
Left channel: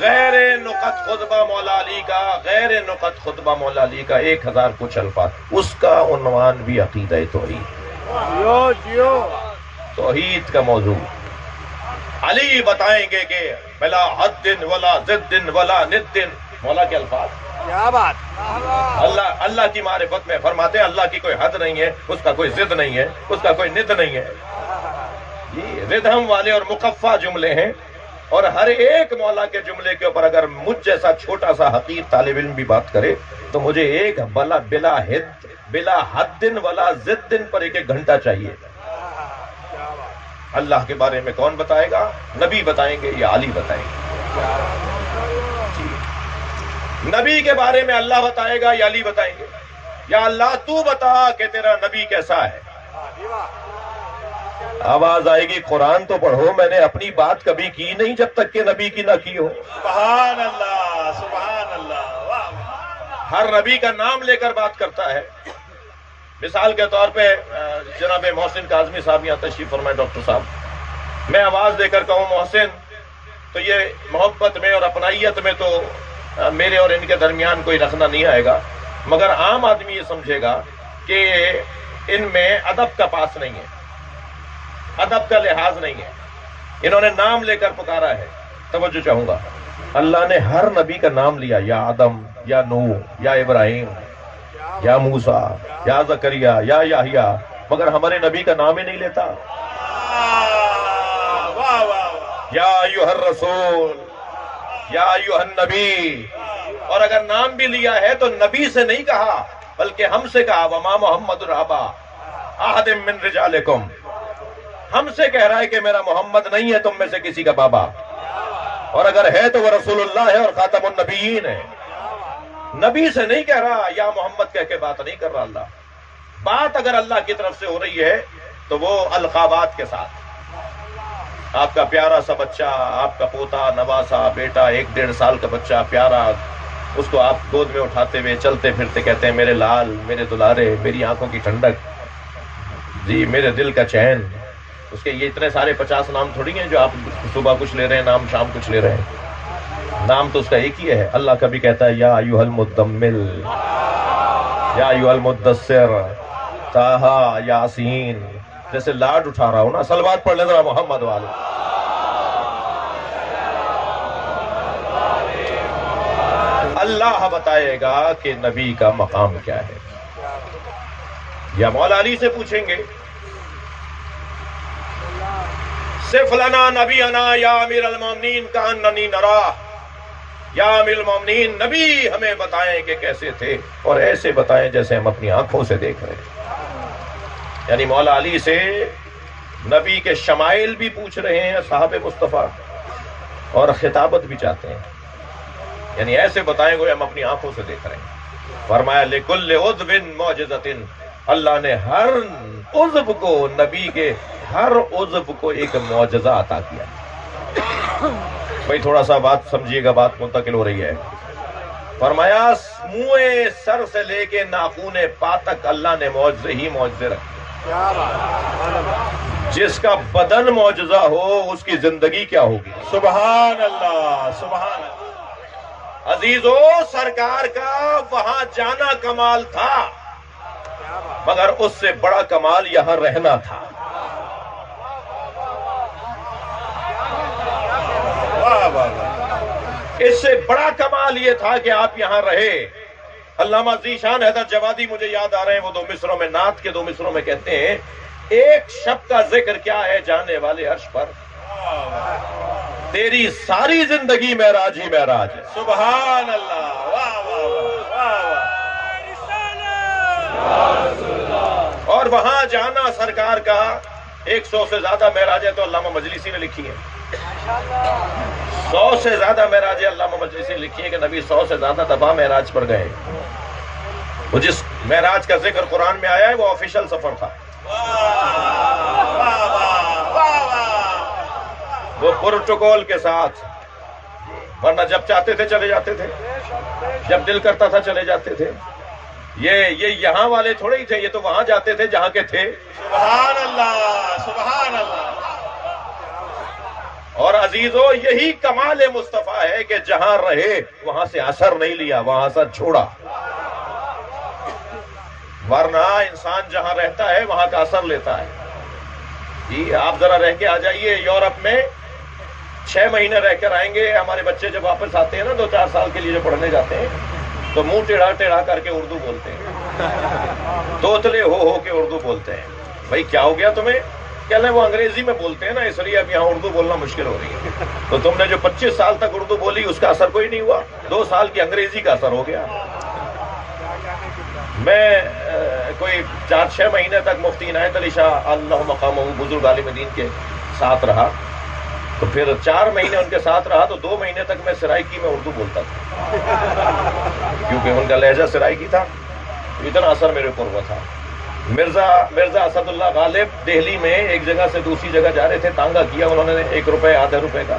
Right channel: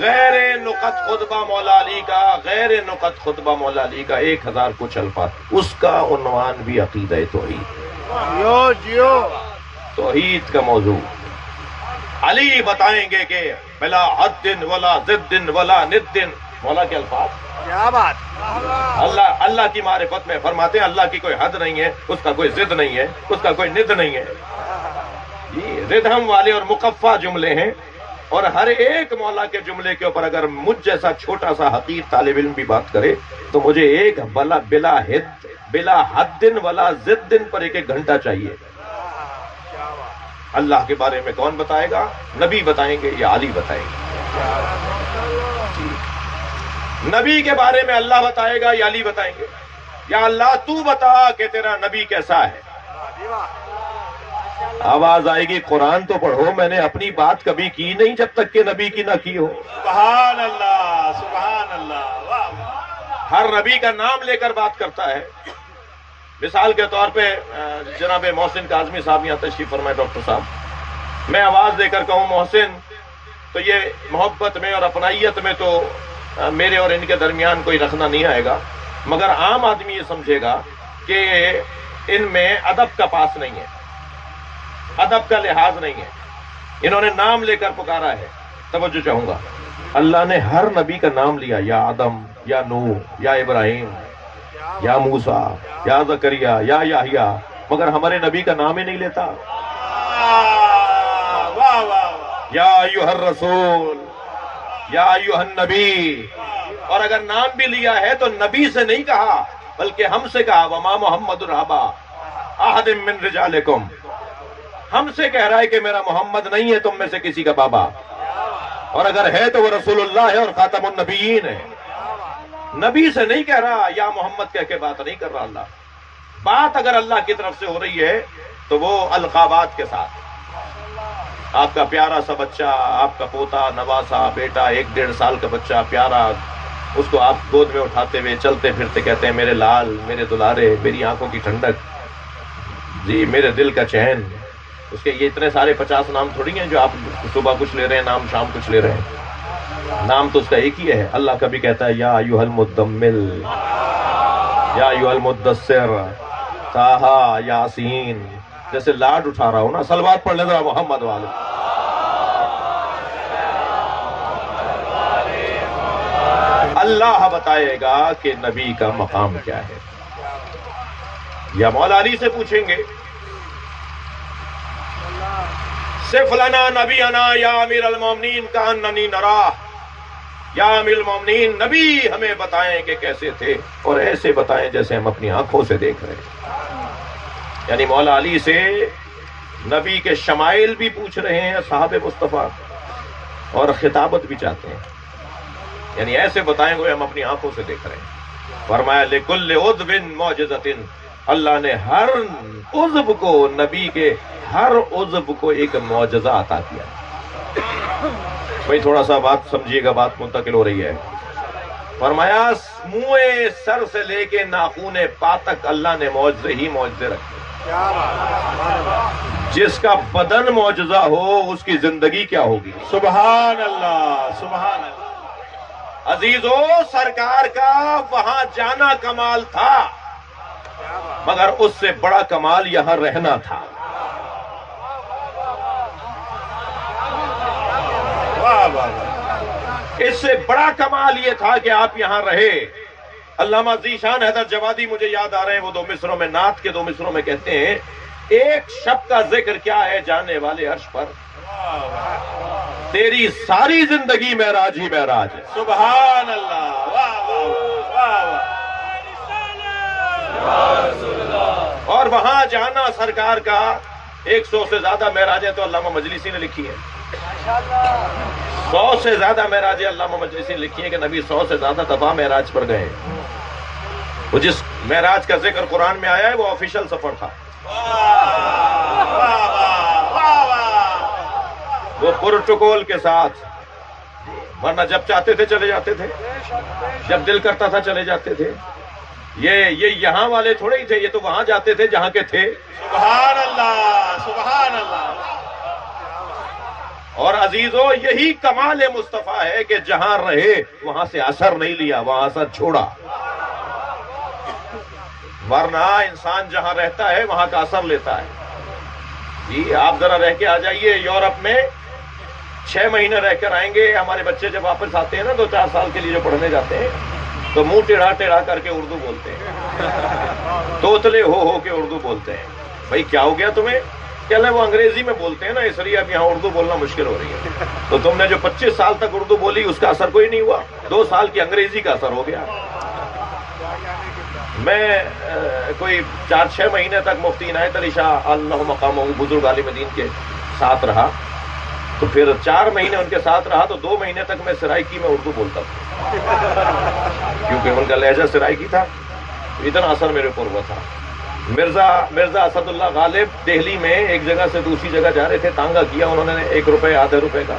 غیر نقط خطبہ مولا علی کا، غیر نقط خطبہ مولا علی کا 1000 کچھ الفاظ، اس کا عنوان بھی عقیدہ توحید، توحید کا موضوع۔ علی بتائیں گے کہ بلا حد ولا ضد ولا ند، مولا کے الفاظ، کیا بات! اللہ کی معرفت میں فرماتے ہیں اللہ کی کوئی حد نہیں ہے، اس کا کوئی ضد نہیں ہے، اس کا کوئی ند نہیں ہے۔ یہ ردہم والے اور مقفع جملے ہیں، اور ہر ایک مولا کے جملے کے اوپر اگر مجھ جیسا چھوٹا سا حقیر طالب علم بھی بات کرے تو مجھے ایک بلا حد ولا ضد پر ایک گھنٹہ چاہیے۔ اللہ کے بارے میں کون بتائے گا؟ نبی بتائیں گے یا علی بتائیں گے؟ نبی کے بارے میں اللہ بتائے گا یا علی بتائیں گے؟ یا اللہ تو بتا کہ تیرا نبی کیسا ہے؟ آواز آئے گی قرآن تو پڑھو، میں نے اپنی بات کبھی کی نہیں جب تک کہ نبی کی نہ کی ہو۔ سبحان اللہ، سبحان اللہ۔ ہر نبی کا نام لے کر بات کرتا ہے۔ مثال کے طور پہ جناب محسن کاظمی صاحب یہاں تشریف فرمائے، ڈاکٹر صاحب، میں آواز دے کر کہوں محسن، تو یہ محبت میں اور اپنائیت میں تو میرے اور ان کے درمیان کوئی رکھنا نہیں آئے گا، مگر عام آدمی یہ سمجھے گا کہ ان میں ادب کا پاس نہیں ہے، ادب کا لحاظ نہیں ہے، انہوں نے نام لے کر پکارا ہے۔ توجہ چاہوں گا، اللہ نے ہر نبی کا نام لیا، یا آدم، یا نوح، یا ابراہیم، یا موسیٰ، یا زکریا، یا یحییٰ، مگر ہمارے نبی کا نام ہی نہیں لیتا۔ یا ایھا الرسول، یا ایھا النبی، اور اگر نام بھی لیا ہے تو نبی سے نہیں کہا بلکہ ہم سے کہا، وما محمد الرحبا احد من رجالکم، ہم سے کہہ رہا ہے کہ میرا محمد نہیں ہے تم میں سے کسی کا بابا، اور اگر ہے تو وہ رسول اللہ ہے اور خاتم النبیین ہے۔ نبی سے نہیں کہہ رہا، یا محمد کہہ کے بات نہیں کر رہا اللہ۔ بات اگر اللہ کی طرف سے ہو رہی ہے تو وہ القابات کے ساتھ، آپ کا پیارا سا بچہ، آپ کا پوتا، نواسا، بیٹا، 1-1.5 سال کا بچہ پیارا، اس کو آپ گود میں اٹھاتے ہوئے چلتے پھرتے کہتے ہیں میرے لال، میرے دلارے، میری آنکھوں کی ٹھنڈک، جی میرے دل کا چین۔ اس کے یہ اتنے سارے 50 نام تھوڑی ہیں جو آپ صبح کچھ لے رہے ہیں نام، شام کچھ لے رہے ہیں، نام تو اس کا ایک ہی ہے۔ اللہ کبھی کہتا ہے یا ایھا المدمل، یا ایھا المدثر، طٰہٰ، یاسین، جیسے لاڈ اٹھا رہا ہوں نا۔ صلوات پڑھ لیں ذرا محمد والے۔ اللہ بتائے گا کہ نبی کا مقام کیا ہے، یا مولا علی سے پوچھیں گے صف لنا نبینا یا امیر المومنین کأننی نراہ، یا امیر المومنین نبی ہمیں بتائیں کہ کیسے تھے، اور ایسے بتائیں جیسے ہم اپنی آنکھوں سے دیکھ رہے ہیں۔ یعنی مولا علی سے نبی کے شمائل بھی پوچھ رہے ہیں صحابہ مصطفیٰ، اور خطابت بھی چاہتے ہیں، یعنی ایسے بتائیں گے ہم اپنی آنکھوں سے دیکھ رہے ہیں۔ فرمایا لِكُلِّ عُضْوٍ مُعْجِزَةٍ، اللہ نے ہر عضو کو، نبی کے ہر عضو کو ایک معجزہ عطا کیا۔ بھئی تھوڑا سا بات سمجھیے گا، بات منتقل ہو رہی ہے۔ فرمایا منہ سر سے لے کے ناخن پا تک اللہ نے معجزے ہی معجزے رکھے۔ جس کا بدن معجزہ ہو اس کی زندگی کیا ہوگی؟ سبحان اللہ، سبحان اللہ۔ عزیزو، سرکار کا وہاں جانا کمال تھا، مگر اس سے بڑا کمال یہاں رہنا تھا۔ اس سے بڑا کمال یہ تھا کہ آپ یہاں رہے۔ علامہ ذیشان حیدر جوادی مجھے یاد آ رہے ہیں، وہ 2 مصروں میں، نعت کے 2 مصروں میں کہتے ہیں، ایک شب کا ذکر کیا ہے جانے والے عرش پر، تیری ساری زندگی معراج ہی معراج ہے۔ سبحان اللہ، واہ واہ واہ۔ اور وہاں جانا سرکار کا 100 سے زیادہ معراج ہے تو علامہ مجلسی نے لکھی ہے۔ 100 سے زیادہ معراج علامہ مجلسی نے لکھی ہے کہ نبی 100 سے زیادہ دفعہ معراج پر گئے۔ وہ جس معراج کا ذکر قرآن میں آیا ہے وہ آفیشل سفر تھا، وہ پروٹوکول کے ساتھ، ورنہ جب چاہتے تھے چلے جاتے تھے، جب دل کرتا تھا چلے جاتے تھے۔ یہ یہاں والے تھوڑے ہی تھے، یہ تو وہاں جاتے تھے جہاں کے تھے۔ سبحان اللہ، سبحان اللہ۔ اور عزیزو، یہی کمال مصطفیٰ ہے کہ جہاں رہے وہاں سے اثر نہیں لیا، وہاں اثر چھوڑا۔ ورنہ انسان جہاں رہتا ہے وہاں کا اثر لیتا ہے۔ جی آپ ذرا رہ کے آ جائیے یورپ میں، 6 مہینے رہ کر آئیں گے، ہمارے بچے جب واپس آتے ہیں نا 2-4 سال کے لیے جو پڑھنے جاتے ہیں تو منہ ٹیڑھا ٹیڑھا کر کے اردو بولتے ہیں، توتلے ہو کے اردو بولتے ہیں۔ بھائی کیا ہو گیا تمہیں؟ کہنا وہ انگریزی میں بولتے ہیں نا، اس لیے اب یہاں اردو بولنا مشکل ہو رہی ہے۔ تو تم نے جو 25 سال تک اردو بولی اس کا اثر کوئی نہیں ہوا، 2 سال کی انگریزی کا اثر ہو گیا۔ میں کوئی 4-6 مہینے تک مفتی عنایت علی شاہ اللہ مقامہ بزرگ عالم دین کے ساتھ رہا، تو پھر 4 مہینے ان کے ساتھ رہا تو 2 مہینے تک میں سرائکی میں اردو بولتا تھا، کیونکہ ان کا لہجہ سرائکی تھا، اتنا اثر میرے اوپر ہوا تھا۔ مرزا اسد اللہ غالب دہلی میں ایک جگہ سے دوسری جگہ جا رہے تھے، تانگا کیا انہوں نے 1 روپے آدھے روپے کا،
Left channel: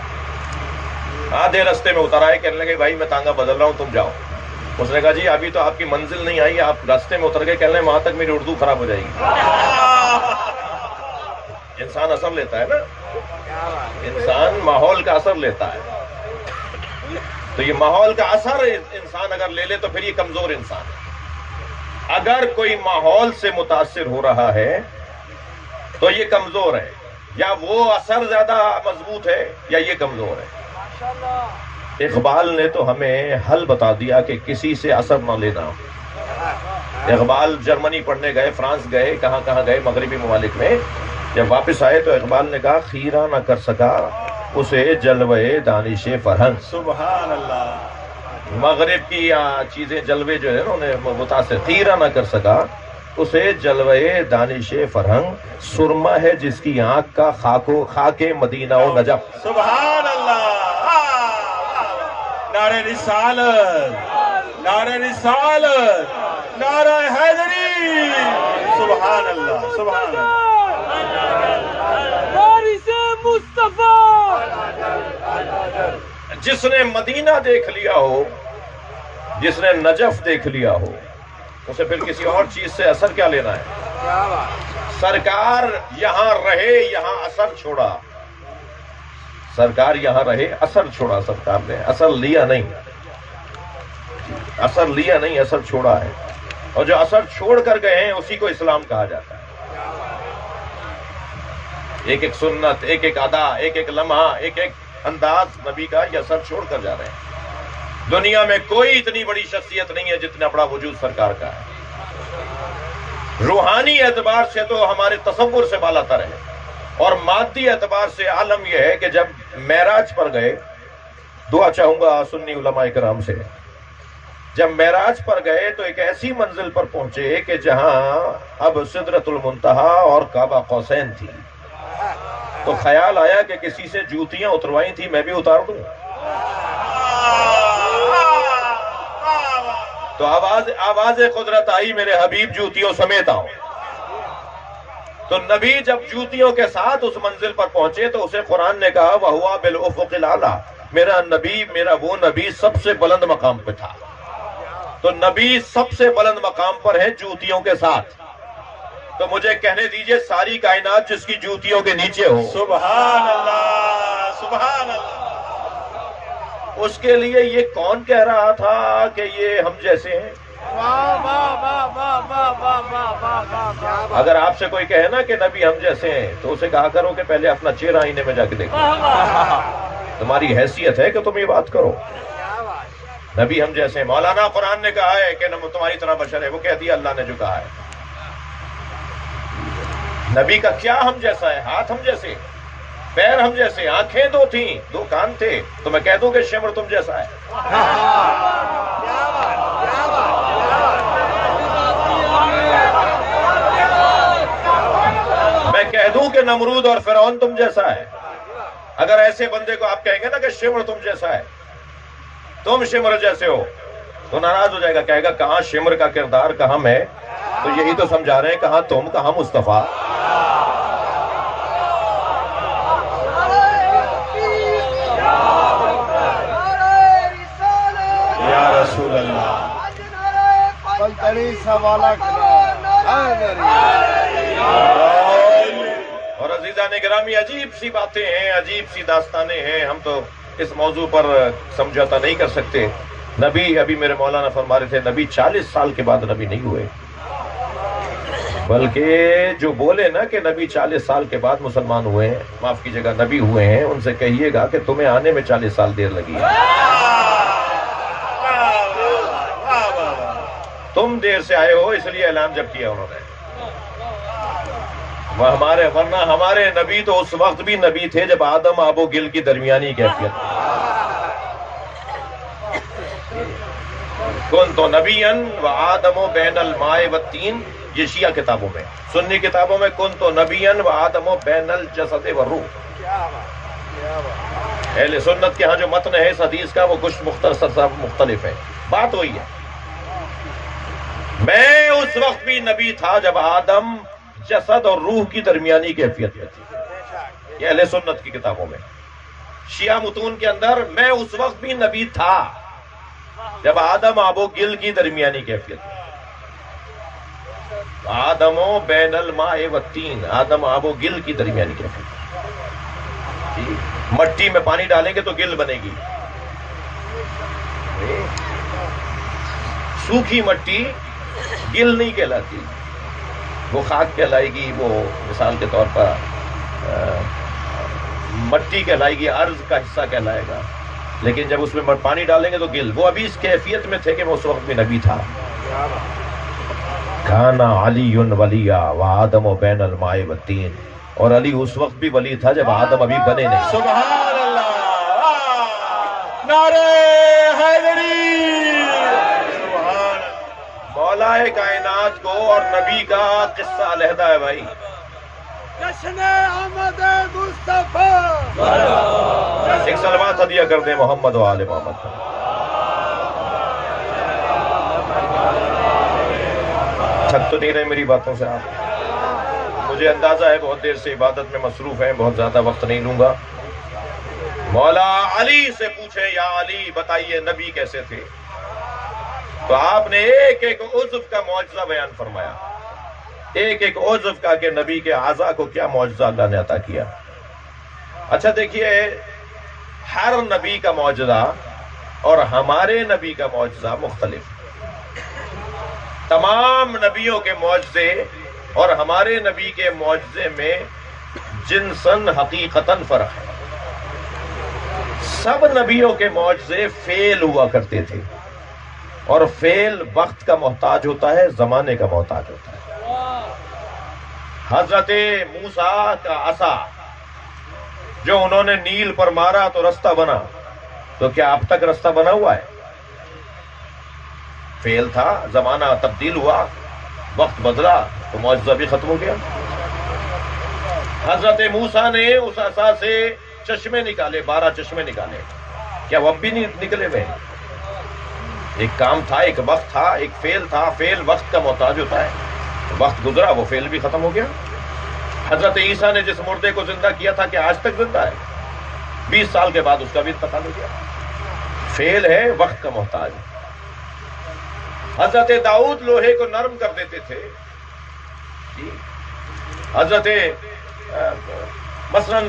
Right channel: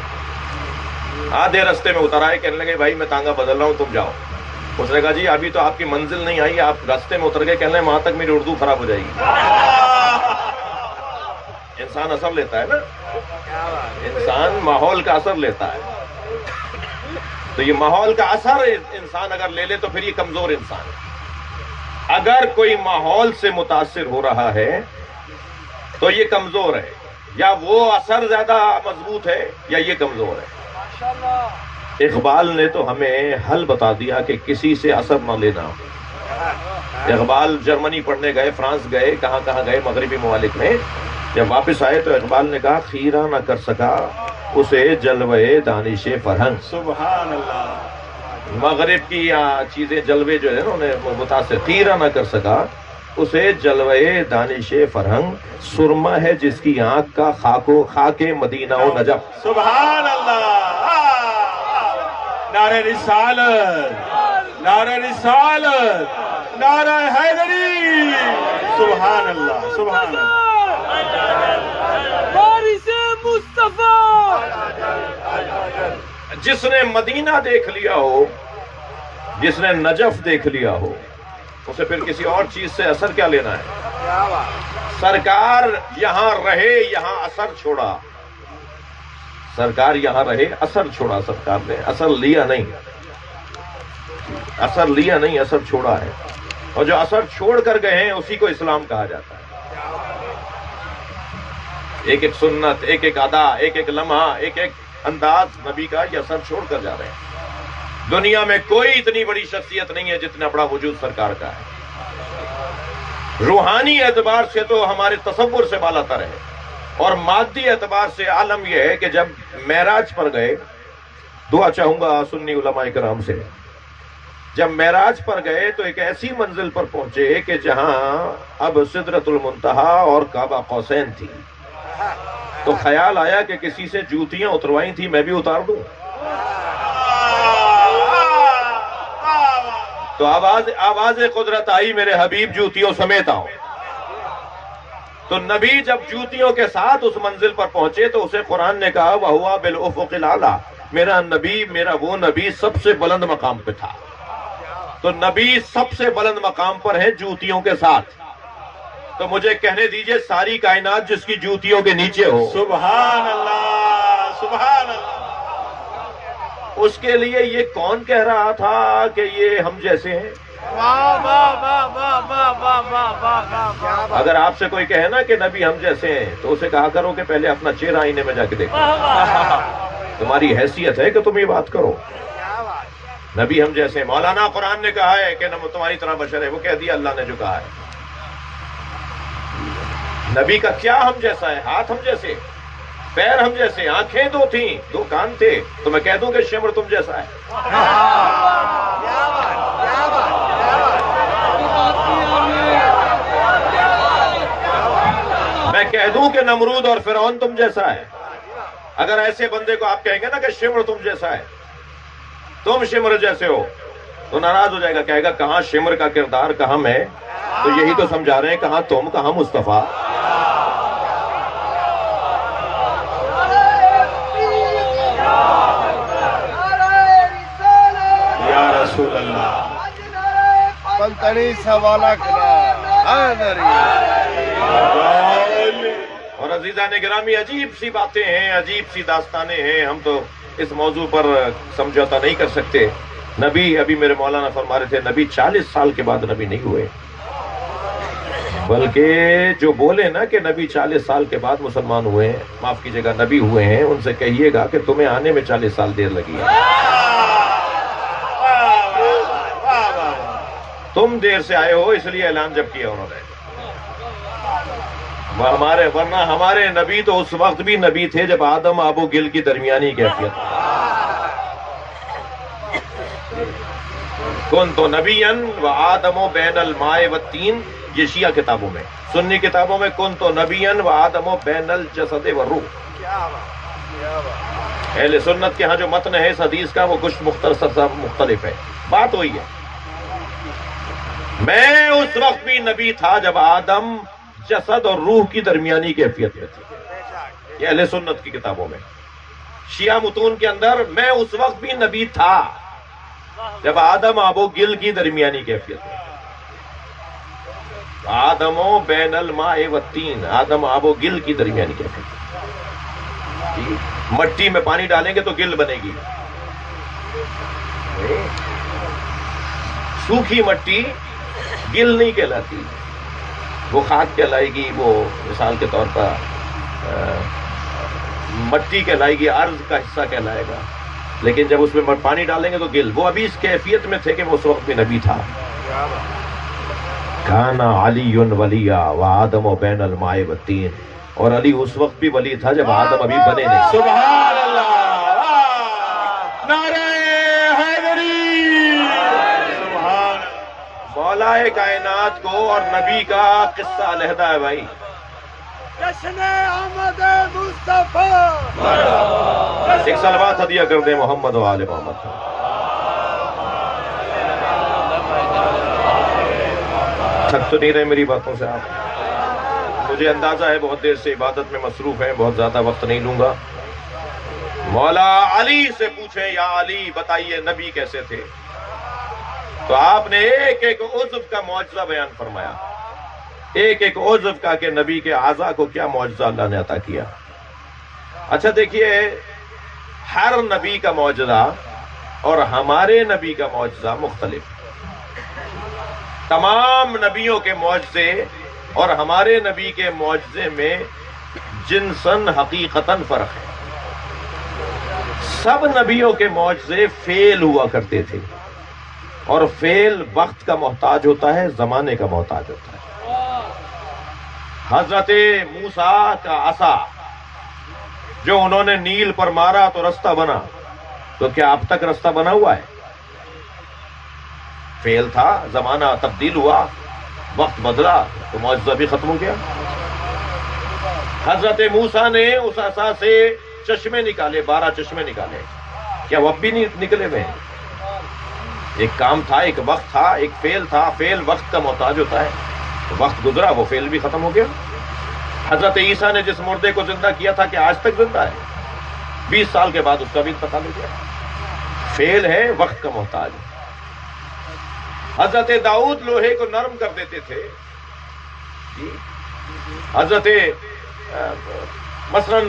آدھے رستے میں اتر آئے، کہنے لگے بھائی میں تانگا بدل رہا ہوں تم جاؤ۔ اس نے کہا جی ابھی تو آپ کی منزل نہیں آئی، آپ راستے میں اتر گئے، کہنے لگے وہاں تک میری اردو خراب ہو جائے گی۔ انسان اثر لیتا ہے نا، انسان ماحول کا اثر لیتا ہے، تو یہ ماحول کا اثر انسان اگر لے لے تو پھر یہ کمزور انسان ہے۔ اگر کوئی ماحول سے متاثر ہو رہا ہے تو یہ کمزور ہے، یا وہ اثر زیادہ مضبوط ہے یا یہ کمزور ہے۔ اقبال نے تو ہمیں حل بتا دیا کہ کسی سے اثر نہ لینا۔ اقبال جرمنی پڑھنے گئے، فرانس گئے، کہاں گئے مغربی ممالک میں، جب واپس آئے تو اقبال نے کہا خیرہ نہ کر سکا اسے جلوے دانش فرہنگ۔ سبحان اللہ۔ مغرب کی چیزیں جلوے جو ہے انہیں متاثر، خیرہ نہ کر سکا اسے جلوے دانش فرہنگ، سرما ہے جس کی آنکھ کا خاک مدینہ و نجف۔ سبحان اللہ۔ نعرہ رسالت، نعرہ رسالت، نعرہ حیدری۔ سبحان اللہ، سبحان اللہ۔ جس نے مدینہ دیکھ لیا ہو، جس نے نجف دیکھ لیا ہو، اسے پھر کسی اور چیز سے اثر کیا لینا ہے؟ سرکار یہاں رہے، یہاں اثر چھوڑا، سرکار یہاں رہے، اثر چھوڑا، سرکار نے اثر لیا نہیں، اثر لیا نہیں، اثر چھوڑا ہے، اور جو اثر چھوڑ کر گئے ہیں اسی کو اسلام کہا جاتا ہے۔ ایک ایک سنت، ایک ایک ادا، ایک ایک لمحہ، ایک ایک انداز نبی کا یہ اثر چھوڑ کر جا رہے ہیں۔ دنیا میں کوئی اتنی بڑی شخصیت نہیں ہے جتنا بڑا وجود سرکار کا ہے۔ روحانی اعتبار سے تو ہمارے تصور سے بالا تر ہے، اور مادی اعتبار سے عالم یہ ہے کہ جب معراج پر گئے دعا چاہوں گا سنی علماء کرام سے. جب معراج پر گئے تو ایک ایسی منزل پر پہنچے کہ جہاں اب سدرۃ المنتہا اور کعبہ قوسین تھی. تو خیال آیا کہ کسی سے جوتیاں اتروائی تھی میں بھی اتار دوں. تو آواز قدرت آئی میرے حبیب جوتیوں سمیت آؤ. تو نبی جب جوتیوں کے ساتھ اس منزل پر پہنچے تو اسے قرآن نے کہا وَهُوَ بِالْأُفُقِ الْأَعْلَىٰ. میرا نبی، میرا وہ نبی سب سے بلند مقام پہ تھا. تو نبی سب سے بلند مقام پر ہے جوتیوں کے ساتھ. تو مجھے کہنے دیجئے ساری کائنات جس کی جوتیوں کے نیچے ہو، سبحان اللہ سبحان اللہ. اس کے لیے یہ کون کہہ رہا تھا کہ یہ ہم جیسے ہیں؟ اگر آپ سے کوئی کہے نا کہ نبی ہم جیسے ہیں تو اسے کہا کرو کہ پہلے اپنا چہرہ آئینے میں جا کے دیکھو. تمہاری حیثیت ہے کہ تم یہ بات کرو. نبی ہم جیسے ہیں. مولانا قرآن نے کہا ہے کہ تمہاری طرح بشر ہے، وہ کہہ دیا اللہ نے جو کہا ہے. نبی کا کیا ہم جیسا ہے؟ ہاتھ ہم جیسے، پیر ہم جیسے، آنکھیں دو تھیں، دو کان تھے. تو میں کہہ دوں کہ شمر تم جیسا ہے؟ میں کہہ دوں کہ نمرود اور فرعون تم جیسا ہے؟ اگر ایسے بندے کو آپ کہیں گے نا کہ شمر تم جیسا ہے، تم شمر جیسے ہو، تو ناراض ہو جائے گا، کہے گا کہاں شمر کا کردار کہاں میں؟ تو یہی تو سمجھا رہے ہیں، کہاں تم کہاں مصطفیٰ. یا رسول اللہ. اور عزیزان گرامی، عجیب سی باتیں ہیں، عجیب سی داستانیں ہیں. ہم تو اس موضوع پر سمجھوتا نہیں کر سکتے. نبی، ابھی میرے مولانا فرما رہے تھے، نبی 40 سال کے بعد نبی نہیں ہوئے. بلکہ جو بولے نا کہ نبی 40 سال کے بعد مسلمان ہوئے ہیں، معاف کیجیے گا نبی ہوئے ہیں، ان سے کہیے گا کہ تمہیں آنے میں 40 سال دیر لگی ہے. تم دیر سے آئے ہو، اس لیے اعلان جب کیا انہوں نے. ورنہ ہمارے نبی تو اس وقت بھی نبی تھے جب آدم آب و گل کی درمیانی کیفیت. کن تو نبیًا و آدم و بین الماء والتین، یہ شیعہ کتابوں میں. سنی کتابوں میں کن تو نبیًا و آدم و بین الجسد والروح. اہل سنت کے ہاں جو متن ہے اس حدیث کا وہ کچھ مختصر مختلف ہے. بات وہی ہے، میں اس وقت بھی نبی تھا جب آدم جسد اور روح کی درمیانی کیفیت میں تھی. یہ اہل سنت کی کتابوں میں. شیعہ متون کے اندر میں اس وقت بھی نبی تھا جب آدم آب و گل کی درمیانی کیفیت میں. آدم و بین الماء والتین، آدم آب و گل کی درمیانی کیفیت. مٹی میں پانی ڈالیں گے تو گل بنے گی. سوکھی مٹی گل نہیں کہلاتی، وہ خاک کہلائے گی. وہ مثال کے طور پر مٹی کہلائے گی، ارض کا حصہ کہلائے گا. لیکن جب اس میں پانی ڈالیں گے تو گل. وہ ابھی اس کیفیت میں تھے کہ وہ اس وقت بھی نبی تھا. کانا علی ولیا وآدم بین الماء والتین، اور علی اس وقت بھی ولی تھا جب آدم ابھی بنے نہیں. سبحان اللہ. نعرہ حیدری. مولا کائنات کو اور نبی کا قصہ علیحدہ ہے بھائی. جشن آمد مصطفیٰ. ایک صلوات ہدیہ کر دیں محمد و آل محمد. تھک تو نہیں رہے میری باتوں سے؟ مجھے اندازہ ہے بہت دیر سے عبادت میں مصروف ہیں، بہت زیادہ وقت نہیں لوں گا. مولا علی سے پوچھیں، یا علی بتائیے نبی کیسے تھے؟ تو آپ نے ایک ایک عضو کا معجزہ بیان فرمایا، ایک ایک عضو کا کہ نبی کے اعضاء کو کیا معجزہ اللہ نے عطا کیا. اچھا دیکھیے، ہر نبی کا معجزہ اور ہمارے نبی کا معجزہ مختلف. تمام نبیوں کے معجزے اور ہمارے نبی کے معجزے میں جنساً حقیقتاً فرق ہے. سب نبیوں کے معجزے فعل ہوا کرتے تھے، اور فعل وقت کا محتاج ہوتا ہے، زمانے کا محتاج ہوتا ہے. حضرت موسیٰ کا عصا جو انہوں نے نیل پر مارا تو رستہ بنا، تو کیا اب تک راستہ بنا ہوا ہے؟ فیل تھا، زمانہ تبدیل ہوا، وقت بدلا تو معجزہ بھی ختم ہو گیا۔ حضرت موسیٰ نے اس عصا سے چشمے نکالے، 12 چشمے نکالے، کیا وہ اب بھی نہیں نکلے ہوئے؟ ایک کام تھا، ایک وقت تھا، ایک فیل تھا، فیل وقت کا محتاج ہوتا ہے، وقت گزرا وہ فیل بھی ختم ہو گیا۔ حضرت عیسیٰ نے جس مردے کو زندہ کیا تھا کہ آج تک زندہ ہے، 20 سال کے بعد اس کا بھی انتقال ہو گیا۔ فیل ہے، وقت کا محتاج ہے۔ حضرت داؤد لوہے کو نرم کر دیتے تھے، حضرت مثلا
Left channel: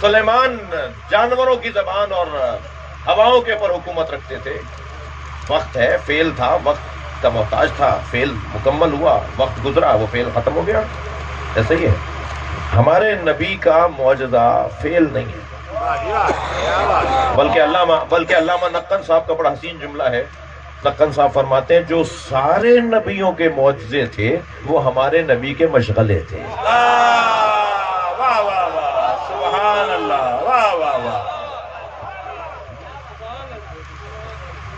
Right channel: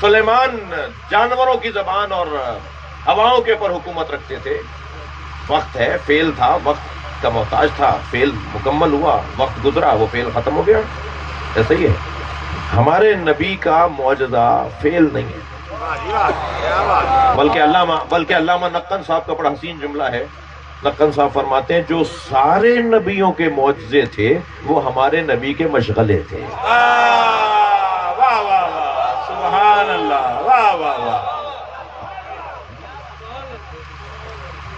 سلیمان جانوروں کی زبان اور ہواؤں کے اوپر حکومت رکھتے تھے۔ وقت ہے، فیل تھا، وقت کا محتاج تھا، فیل مکمل ہوا، وقت گزرا وہ فیل ختم ہو گیا۔ ایسا ہی ہے ہمارے نبی کا معجزہ فیل نہیں ہے، بلکہ علامہ نقن صاحب کا بڑا حسین جملہ ہے۔ نقن صاحب فرماتے ہیں جو سارے نبیوں کے معجزے تھے وہ ہمارے نبی کے مشغلے تھے۔ واہ واہ واہ، سبحان اللہ، واہ واہ واہ۔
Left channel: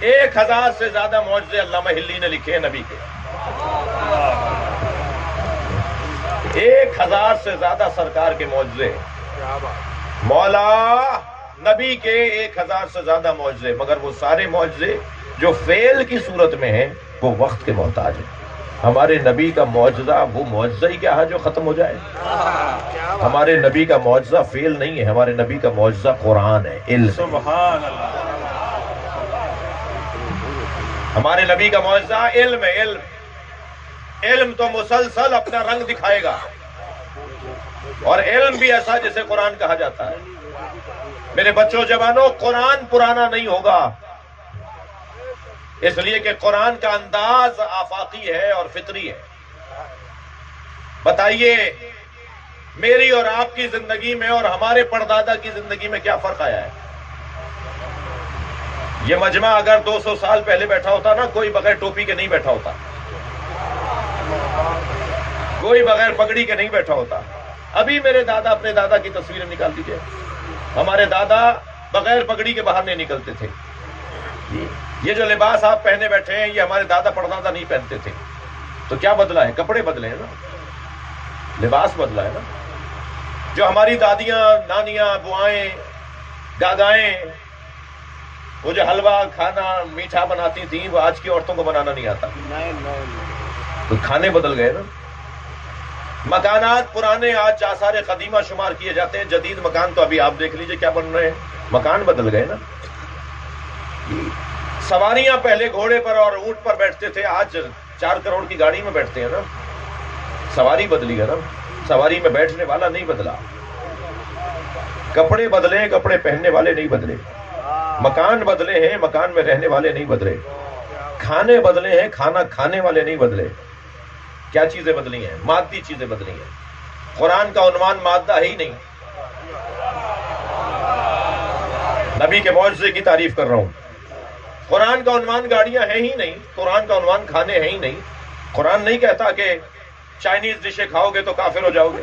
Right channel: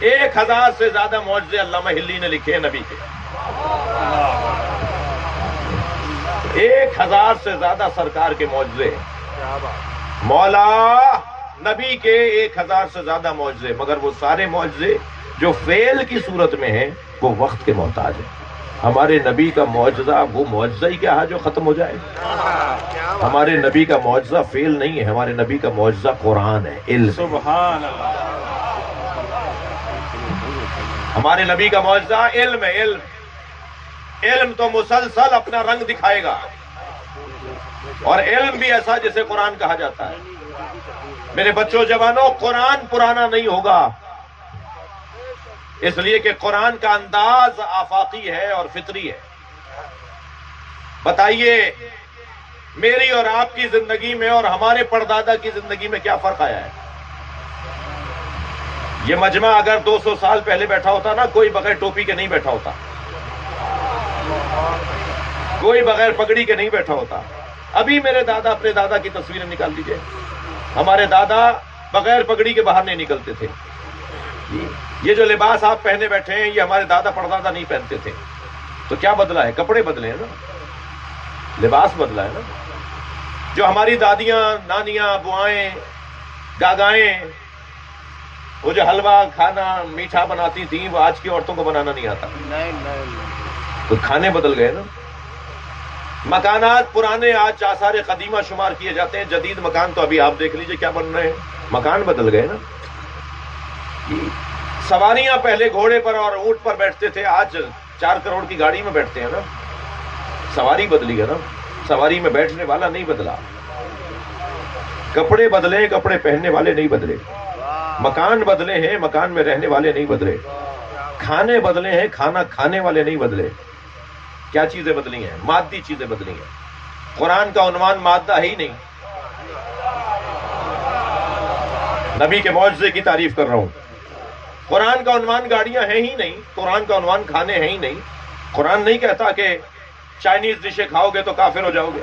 1000 سے زیادہ معجزے علامہ ہلی نے لکھے ہیں نبی کے، 1000 سے زیادہ سرکار کے معجزے، مولا نبی کے 1000 سے زیادہ معجزے، مگر وہ سارے معجزے جو فعل کی صورت میں ہیں وہ وقت کے محتاج ہیں۔ ہمارے نبی کا معجزہ وہ معجزہ ہی کیا ہے جو ختم ہو جائے؟ ہمارے نبی کا معجزہ فعل نہیں ہے، ہمارے نبی کا معجزہ قرآن ہے، علم۔ سبحان اللہ۔ ہمارے نبی کا معجزہ علم ہے، علم۔ علم تو مسلسل اپنا رنگ دکھائے گا، اور علم بھی ایسا جسے قرآن کہا جاتا ہے۔ میرے بچوں جوانوں، قرآن پرانا نہیں ہوگا، اس لیے کہ قرآن کا انداز آفاقی ہے اور فطری ہے۔ بتائیے میری اور آپ کی زندگی میں اور ہمارے پردادا کی زندگی میں کیا فرق آیا ہے؟ یہ مجمع اگر 200 سال پہلے بیٹھا ہوتا نا، کوئی بغیر ٹوپی کے نہیں بیٹھا ہوتا، کوئی بغیر پگڑی کے نہیں بیٹھا ہوتا۔ ابھی میرے دادا، اپنے دادا کی تصویریں نکال لیجئے، ہمارے دادا بغیر پگڑی کے باہر نہیں نکلتے تھے۔ یہ جو لباس آپ پہنے بیٹھے ہیں یہ ہمارے دادا پردادا نہیں پہنتے تھے۔ تو کیا بدلا ہے؟ کپڑے بدلے ہیں نا، لباس بدلا ہے نا۔ جو ہماری دادیاں، نانیاں، بوائیں، دادائیں وہ جو حلوہ کھانا میٹھا بناتی تھیں وہ آج کی عورتوں کو بنانا نہیں آتا، تو کھانے بدل گئے نا۔ مکانات پرانے آج آثار قدیمہ شمار کیے جاتے ہیں، جدید مکان تو ابھی آپ دیکھ لیجئے کیا بن رہے ہیں، مکان بدل گئے نا۔ سواریاں پہلے گھوڑے پر اور اونٹ پر بیٹھتے تھے، آج 4 کروڑ کی گاڑی میں بیٹھتے ہیں نا۔ سواری بدلی گا نا، سواری میں بیٹھنے والا نہیں بدلا۔ کپڑے بدلے، کپڑے پہننے والے نہیں بدلے۔ مکان بدلے ہیں، مکان میں رہنے والے نہیں بدلے۔ کھانے بدلے ہیں، کھانا کھانے والے نہیں بدلے۔ کیا چیزیں بدلی ہیں؟ مادی چیزیں بدلی ہیں۔ قرآن کا عنوان مادہ ہے ہی نہیں۔ نبی کے معجزے کی تعریف کر رہا ہوں۔ قرآن کا عنوان گاڑیاں ہیں ہی نہیں، قرآن کا عنوان کھانے ہیں ہی نہیں۔ قرآن نہیں کہتا کہ چائنیز ڈشیں کھاؤ گے تو کافر ہو جاؤ گے۔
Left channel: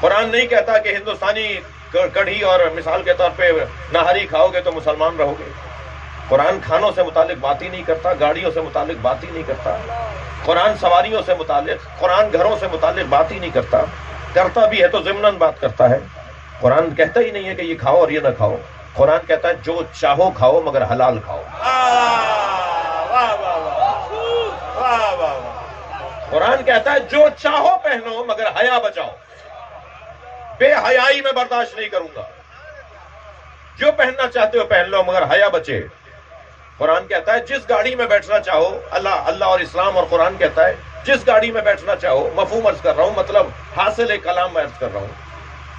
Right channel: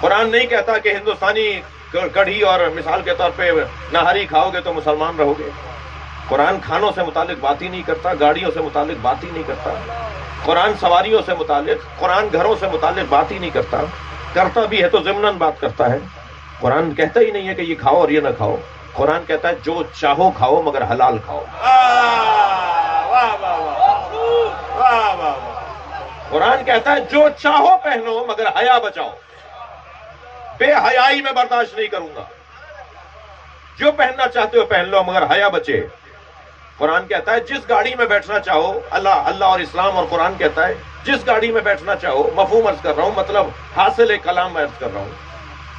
قرآن نہیں کہتا کہ ہندوستانی کڑھی اور مثال کے طور پہ نہاری کھاؤ گے تو مسلمان رہو گے۔ قرآن کھانوں سے متعلق بات ہی نہیں کرتا، گاڑیوں سے متعلق بات ہی نہیں کرتا۔ قرآن سواریوں سے متعلق، قرآن گھروں سے متعلق بات ہی نہیں کرتا۔ کرتا بھی ہے تو ضمناً بات کرتا ہے۔ قرآن کہتا ہی نہیں ہے کہ یہ کھاؤ اور یہ نہ کھاؤ۔ قرآن کہتا ہے جو چاہو کھاؤ مگر حلال کھاؤ۔ قرآن کہتا ہے جو چاہو پہنو مگر حیا بچاؤ، بے حیائی میں برداشت نہیں کروں گا۔ جو پہننا چاہتے ہو پہن لو مگر حیا بچے۔ قرآن کہتا ہے جس گاڑی میں بیٹھنا چاہو، اللہ اور اسلام اور قرآن کہتا ہے جس گاڑی میں بیٹھنا چاہو، مفہوم عرض کر رہا ہوں، مطلب حاصل کلام میں عرض کر رہا ہوں،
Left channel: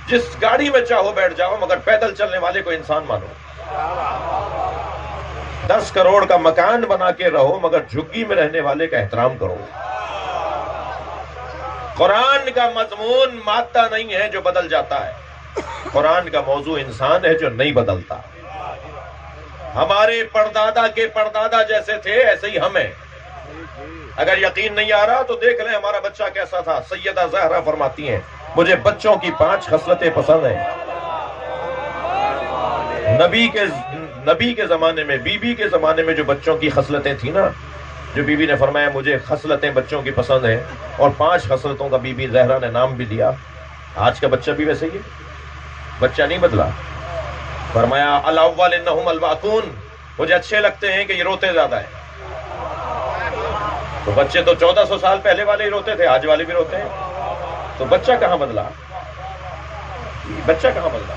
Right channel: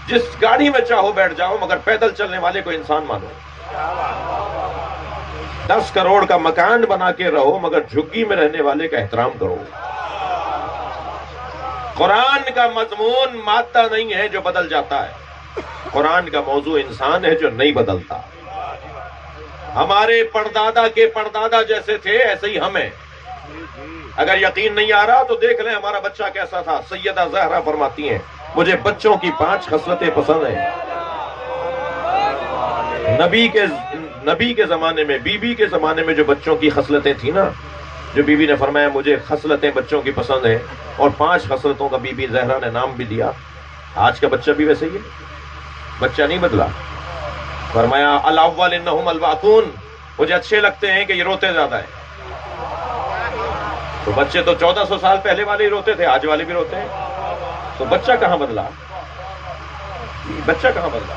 جس گاڑی میں چاہو بیٹھ جاؤ مگر پیدل چلنے والے کو انسان مانو۔ 10 کروڑ کا مکان بنا کے رہو مگر جھگی میں رہنے والے کا احترام کرو۔ قرآن کا مضمون مادہ نہیں ہے جو بدل جاتا ہے، قرآن کا موضوع انسان ہے جو نہیں بدلتا۔ ہمارے پردادا کے پردادا جیسے تھے ایسے ہی ہم ہیں۔ اگر یقین نہیں آ رہا تو دیکھ لیں ہمارا بچہ کیسا تھا۔ سیدہ زہرا فرماتی ہیں مجھے بچوں کی 5 خصلتیں پسند ہیں، نبی کے زمانے میں، بی بی کے زمانے میں جو بچوں کی خصلتیں تھیں نا، جو بی بی نے فرمایا مجھے خصلتیں بچوں کی پسند ہیں، اور 5 خصلتوں کا بی بی زہرا نے نام بھی دیا. آج کا بچہ بھی ویسے ہی ہے، بچہ نہیں بدلا. فرمایا الاول انہم الواقون، مجھے اچھے لگتے ہیں کہ یہ روتے زیادہ ہیں. تو بچے تو 1400 سال پہلے والے ہی روتے تھے، آج والے بھی روتے ہیں. تو بچہ کہاں بدلا؟ بچہ کہاں بدلا؟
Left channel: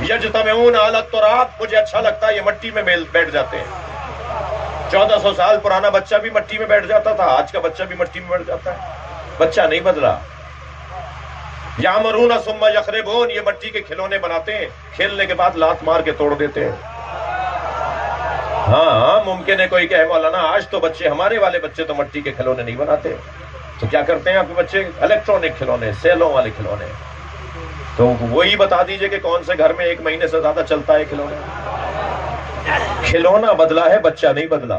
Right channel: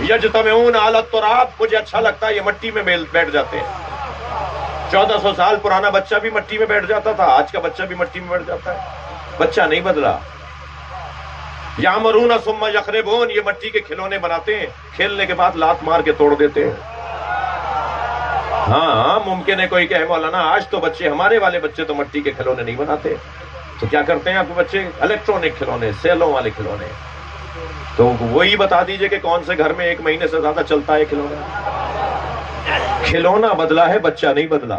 یجتمعون علی التراب، مجھے اچھا لگتا ہے یہ مٹی میں بیٹھ جاتے ہیں. 1400 سال پرانا بچہ بھی مٹی میں بیٹھ جاتا تھا، آج کا بچہ بھی مٹی میں بیٹھ جاتا ہے. بچہ نہیں بدلا. یامرون ثم یخربون، یہ مٹی کے کھلونے بناتے ہیں، کھیلنے کے بعد لات مار کے توڑ دیتے ہیں. ہاں ممکن ہے کوئی کہے مولانا آج تو بچے، ہمارے والے بچے تو مٹی کے کھلونے نہیں بناتے. تو کیا کرتے ہیں آپ کے بچے؟ الیکٹرانک کھلونے، سیلوں والے کھلونے. تو وہی بتا دیجئے کہ کون سے گھر میں 1 مہینے سے زیادہ چلتا ہے کھلونا. کھلونا بدلا ہے، بچہ نہیں بدلا.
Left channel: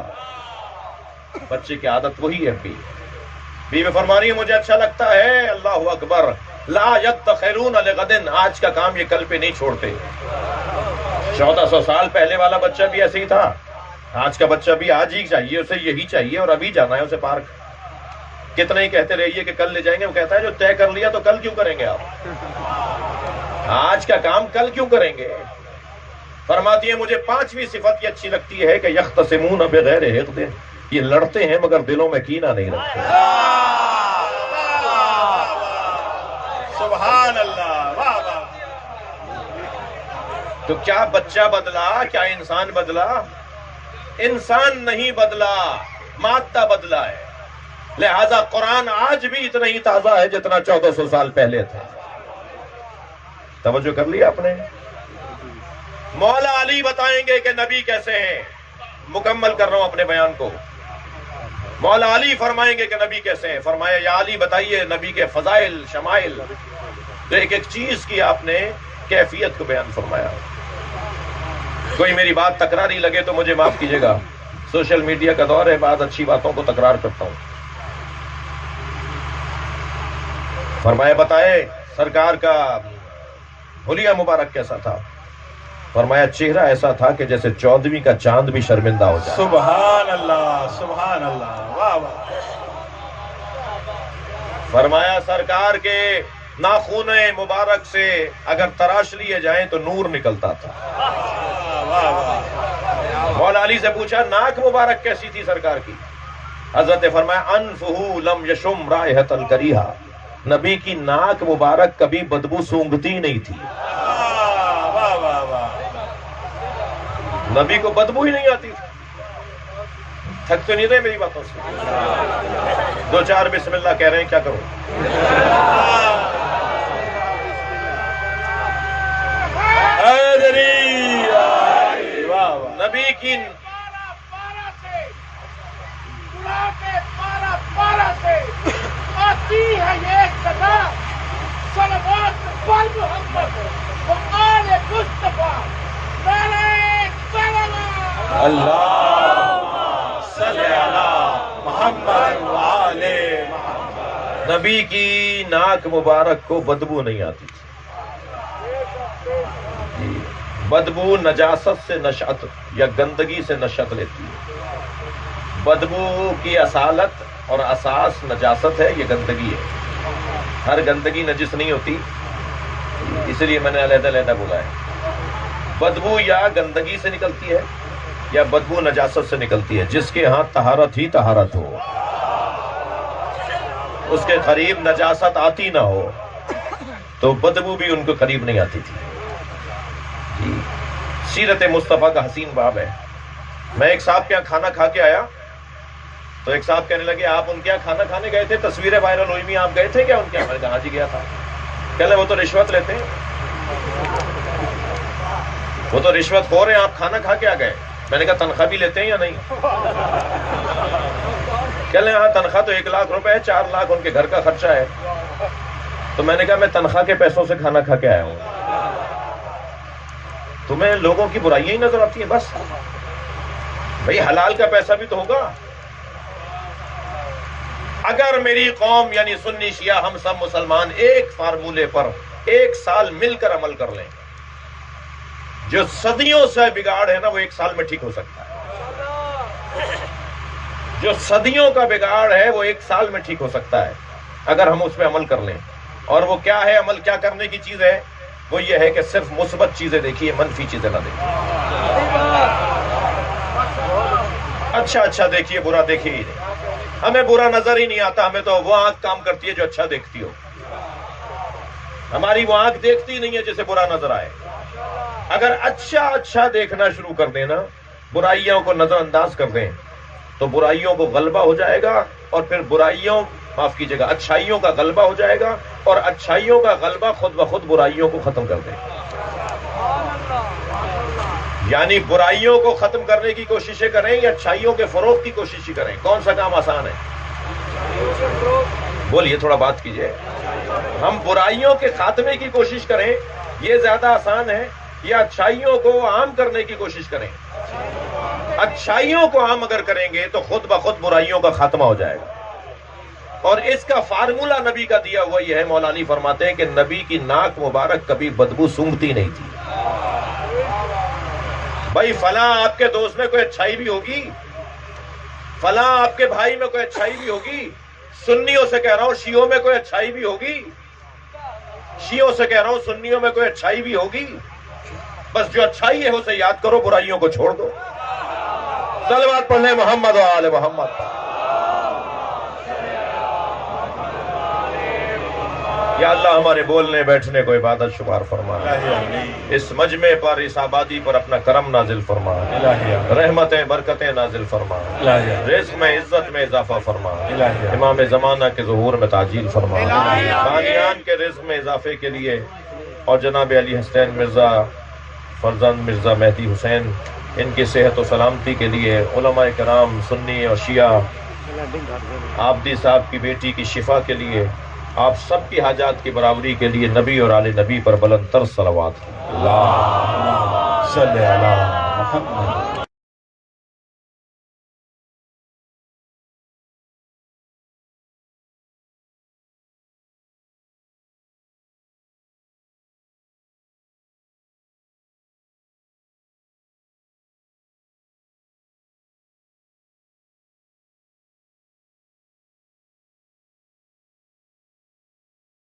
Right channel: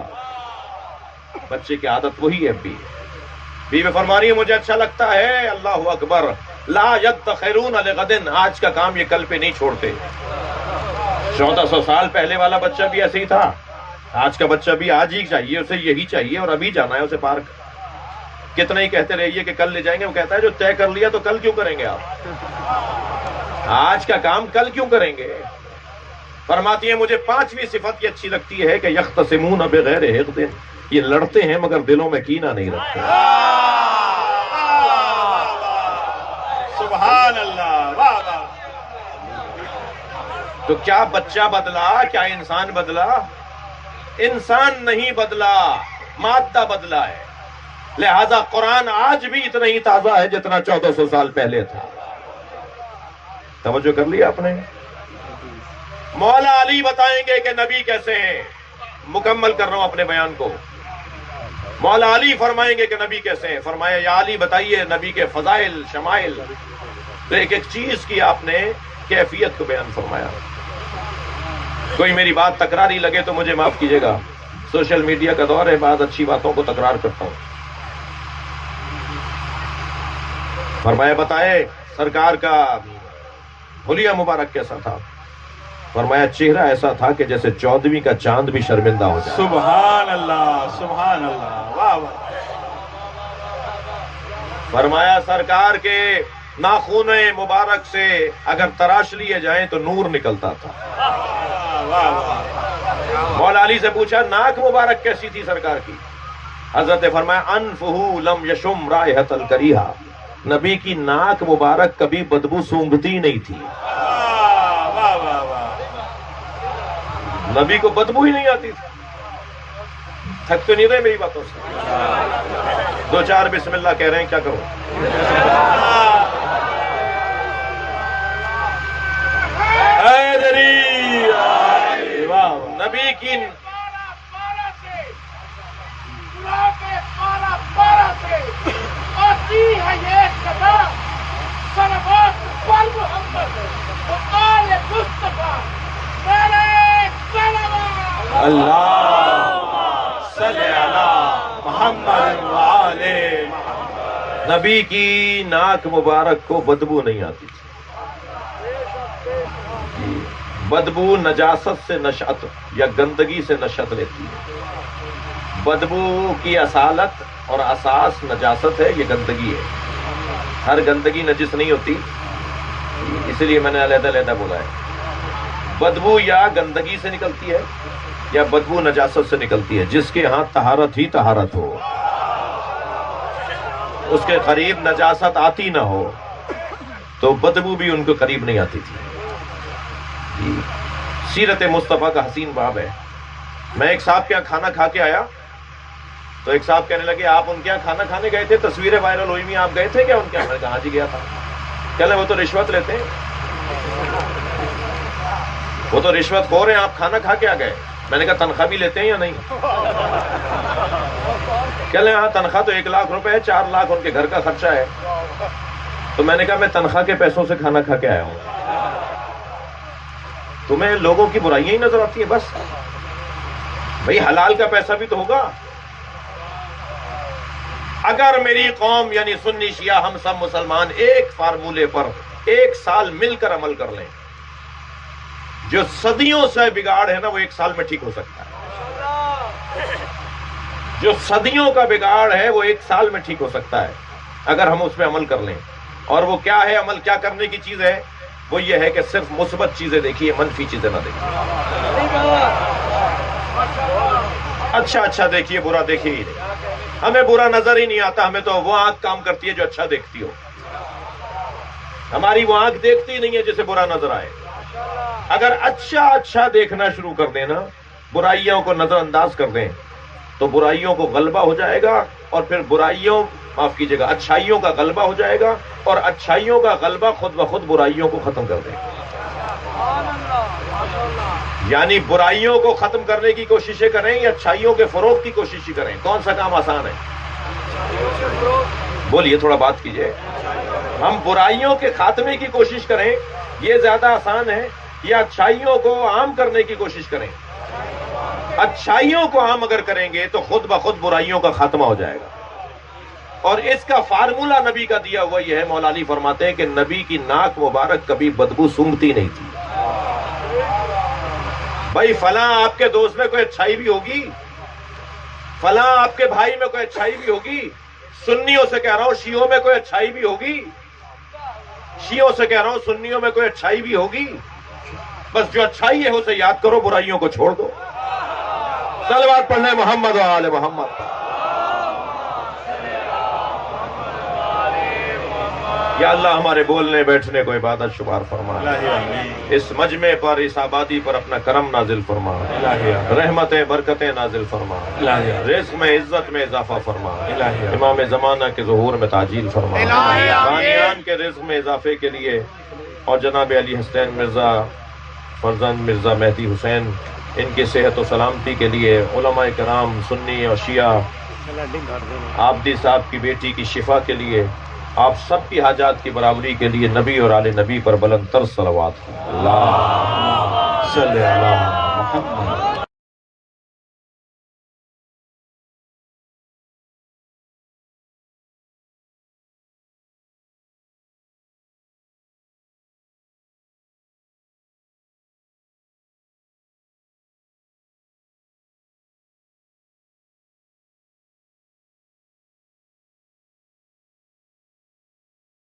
بچے کی عادت وہی ہے. بیوی فرما رہی ہے مجھے اچھا لگتا ہے. اللہ اکبر. لا یدخرون لغد، آج کا کام یہ کل پہ نہیں چھوڑتے. 1400 سال پہلے والا بچہ بھی ایسے ہی تھا، آج کا بچہ بھی آج ہی چاہیے، اسے یہی چاہیے اور ابھی جانا ہے اسے پارک. کتنا ہی کہتے رہیے کہ کل لے جائیں گے، وہ کہتا ہے جو طے کر لیا تو کل کیوں کریں گے آپ؟ آج کا کام کل کیوں کریں گے؟ فرماتی ہے مجھے 5ویں صفت یہ اچھی لگتی ہے کہ یختصمون بغیر حقد، یہ لڑتے ہیں مگر دلوں میں کینہ نہیں رکھتے. سبحان اللہ. واہ واہ. تو کیا بچہ بدلا؟ کیا انسان بدلا؟ انسان نہیں بدلا، مادہ بدلا ہے. لہذا قرآن آج بھی اتنا ہی تازہ ہے جتنا 1400 سال پہلے تھا. توجہ کر لیا آپ نے؟ مولا علی بتائیں گے کہ نبی کیسے ہیں. مکمل کر رہا ہوں اپنے بیان کو. مولا علی فرمائیں گے کہ نبی کیسے ہیں. فرمایا یا علی بتائیے نبی کے فضائل شمائل. تو ایک ایک چیز کی آپ نے کیفیت کو بیان فرمایا. کوئی میری بات تکراری لگے تو مجھے معاف کیجیے گا، سوشل میڈیا کا دور ہے، بعض اچھی باتوں کو تکرار کرتا ہوں. فرمایا بتائے سرکار کا حلیہ مبارک کیسا تھا. فرمایا چہرہ ایسا تھا کہ جیسے 14ویں کا چاند بھی شرمندہ ہو جائے. سبحان اللہ. سبحان اللہ. واہ واہ. فرمایا سرکار کے ناخون مبارک سے اگر تراش لیے جائیں تو نور نکلتا تھا. مولا علی سے پوچھا ناک مبارک کیسی تھی سرکار کی؟ حضرت فرمایا انفہ لم یشم رائحۃ الکریہہ، نبی کی ناک مبارک کبھی بدبو سونگھتی نہیں تھی. نبی کو بدبو ہی نہیں آتی تھی. تھک تو نہیں رہے میری باتوں سے؟ 2-4 بسم اللہ کہہ رہے ہیں، کیا کرو؟ نبی کی پارا سے آتی ہے یہ صدا، صلوات پر محمد و آل مصطفیٰ. نعرہ صلوات. اللہ صلی علی محمد و آل. نبی کی ناک مبارک کو بدبو نہیں آتی تھی. بدبو نجاست سے نشأت یا گندگی سے نشأت لیتی ہے. بدبو کی اصالت اور اساس نجاست ہے، یہ گندگی ہے. ہر گندگی نجس نہیں ہوتی، اس لیے میں نے علیحدہ علیحدہ بولا ہے. بدبو یا گندگی سے نکلتی ہے یا بدبو نجاست سے نکلتی ہے. جس کے ہاں طہارت ہی طہارت ہو، اس کے قریب نجاست آتی نہ ہو تو بدبو بھی ان کے قریب نہیں آتی تھی. سیرت مصطفیٰ کا حسین باب ہے. میں ایک صاحب کے یہاں کھانا کھا کے آیا تو ایک صاحب کہنے لگے آپ ان کے یہاں کھانا کھانے گئے تھے، تصویریں وائرل ہوئی ہوئی، آپ گئے تھے کیا ان کے یہاں؟ میں کہا جی گیا تھا. کہنے وہ تو رشوت لیتے ہیں، وہ تو رشوت خور ہیں، آپ کھانا کھا کے آ گئے. میں نے کہا تنخواہ بھی لیتے ہیں یا نہیں؟ کہنے ہاں تنخواہ تو 1 لاکھ روپے ہے، 4 لاکھ ان کے گھر کا خرچہ ہے. تو میں نے کہا میں تنخواہ کے پیسوں سے کھانا کھا کے آیا ہوں. تمہیں لوگوں کی برائیاں ہی نظر آتی ہیں بس. بھئی حلال کا پیسہ بھی تو ہوگا. اگر میری قوم یعنی سنی شیعہ ہم سب مسلمان ایک فارمولے پر 1 سال مل کر عمل کر لیں، جو صدیوں سے بگاڑ ہے نا وہ 1 سال میں ٹھیک ہو سکتا ہے. جو صدیوں کا بگاڑ ہے وہ 1 سال میں ٹھیک ہو سکتا ہے اگر ہم اس پہ عمل کر لیں. اور وہ کیا ہے عمل؟ کیا کرنے کی چیز ہے؟ وہ یہ ہے کہ صرف مثبت چیزیں دیکھیے، منفی چیزیں نہ دیکھیے. اچھا دیکھیے، برا دیکھیے ہی نہیں. ہمیں برا نظر ہی نہیں آتا، ہمیں تو وہ آنکھ کام کرتی ہے جو اچھا دیکھتی ہو. ہماری وہ آنکھ دیکھتی نہیں ہے جسے برا نظر آئے. اگر اچھا دیکھنا شروع کر دیں نا، برائیوں کو نظر انداز کر دیں تو برائیوں کو غلبہ ہو جائے گا. اور پھر معاف کیجیے گا، اچھائیوں کا غلبہ ہو جائے گا. اور اچھائیوں کا غلبہ خود بخود برائیوں کو ختم کر دے. یعنی برائیوں کو ختم کرنے کی کوششیں کریں یا اچھائیوں کے فروغ کی کوشش کریں؟ کون سا کام آسان ہے؟ بولیے، تھوڑا بات کیجیے. ہم برائیوں کے خاتمے کی کوشش کریں یہ زیادہ آسان ہے یا اچھائیوں کو عام کرنے کی کوشش کریں؟ اچھائیوں کو عام اگر کریں گے تو خود بخود برائیوں کا خاتمہ ہو جائے گا. اور اس کا فارمولہ نبی کا دیا ہوا یہ ہے. مولا علی فرماتے ہیں کہ نبی کی ناک مبارک کبھی بدبو سونگتی نہیں تھی. بھائی فلاں آپ کے دوست میں کوئی اچھائی بھی ہوگی، فلاں آپ کے بھائی میں کوئی اچھائی بھی ہوگی. سنیوں سے کہہ رہا ہوں شیعوں میں کوئی اچھائی بھی ہوگی، شیعوں سے کہہ رہا ہوں سنیوں میں کوئی اچھائی بھی ہوگی. بس جو اچھائی ہے اسے یاد کرو، برائیوں کو چھوڑ دو. صلوات پڑھنے محمد و آل محمد. یا اللہ ہمارے بولنے بیٹھنے کو عبادت شمار فرما. اس مجمع پر، اس آبادی پر اپنا کرم نازل فرما، رحمتیں برکتیں نازل فرما، رزق میں عزت میں اضافہ فرما، امام زمانہ کے ظہور میں تعجیل فرما، بانیان کے رزق میں اضافے کے لیے اور جناب علی حسین مرزا فرزند مرزا مہدی حسین ان کی صحت و سلامتی کے لیے، علماء کرام سنی اور شیعہ، عابدی صاحب کی بیٹی کی شفا کے لیے، آپ سب کی حاجات کی برابری کے لیے نبی اور آل نبی پر بلند تر صلوات. اللہ صلی اللہ محمد.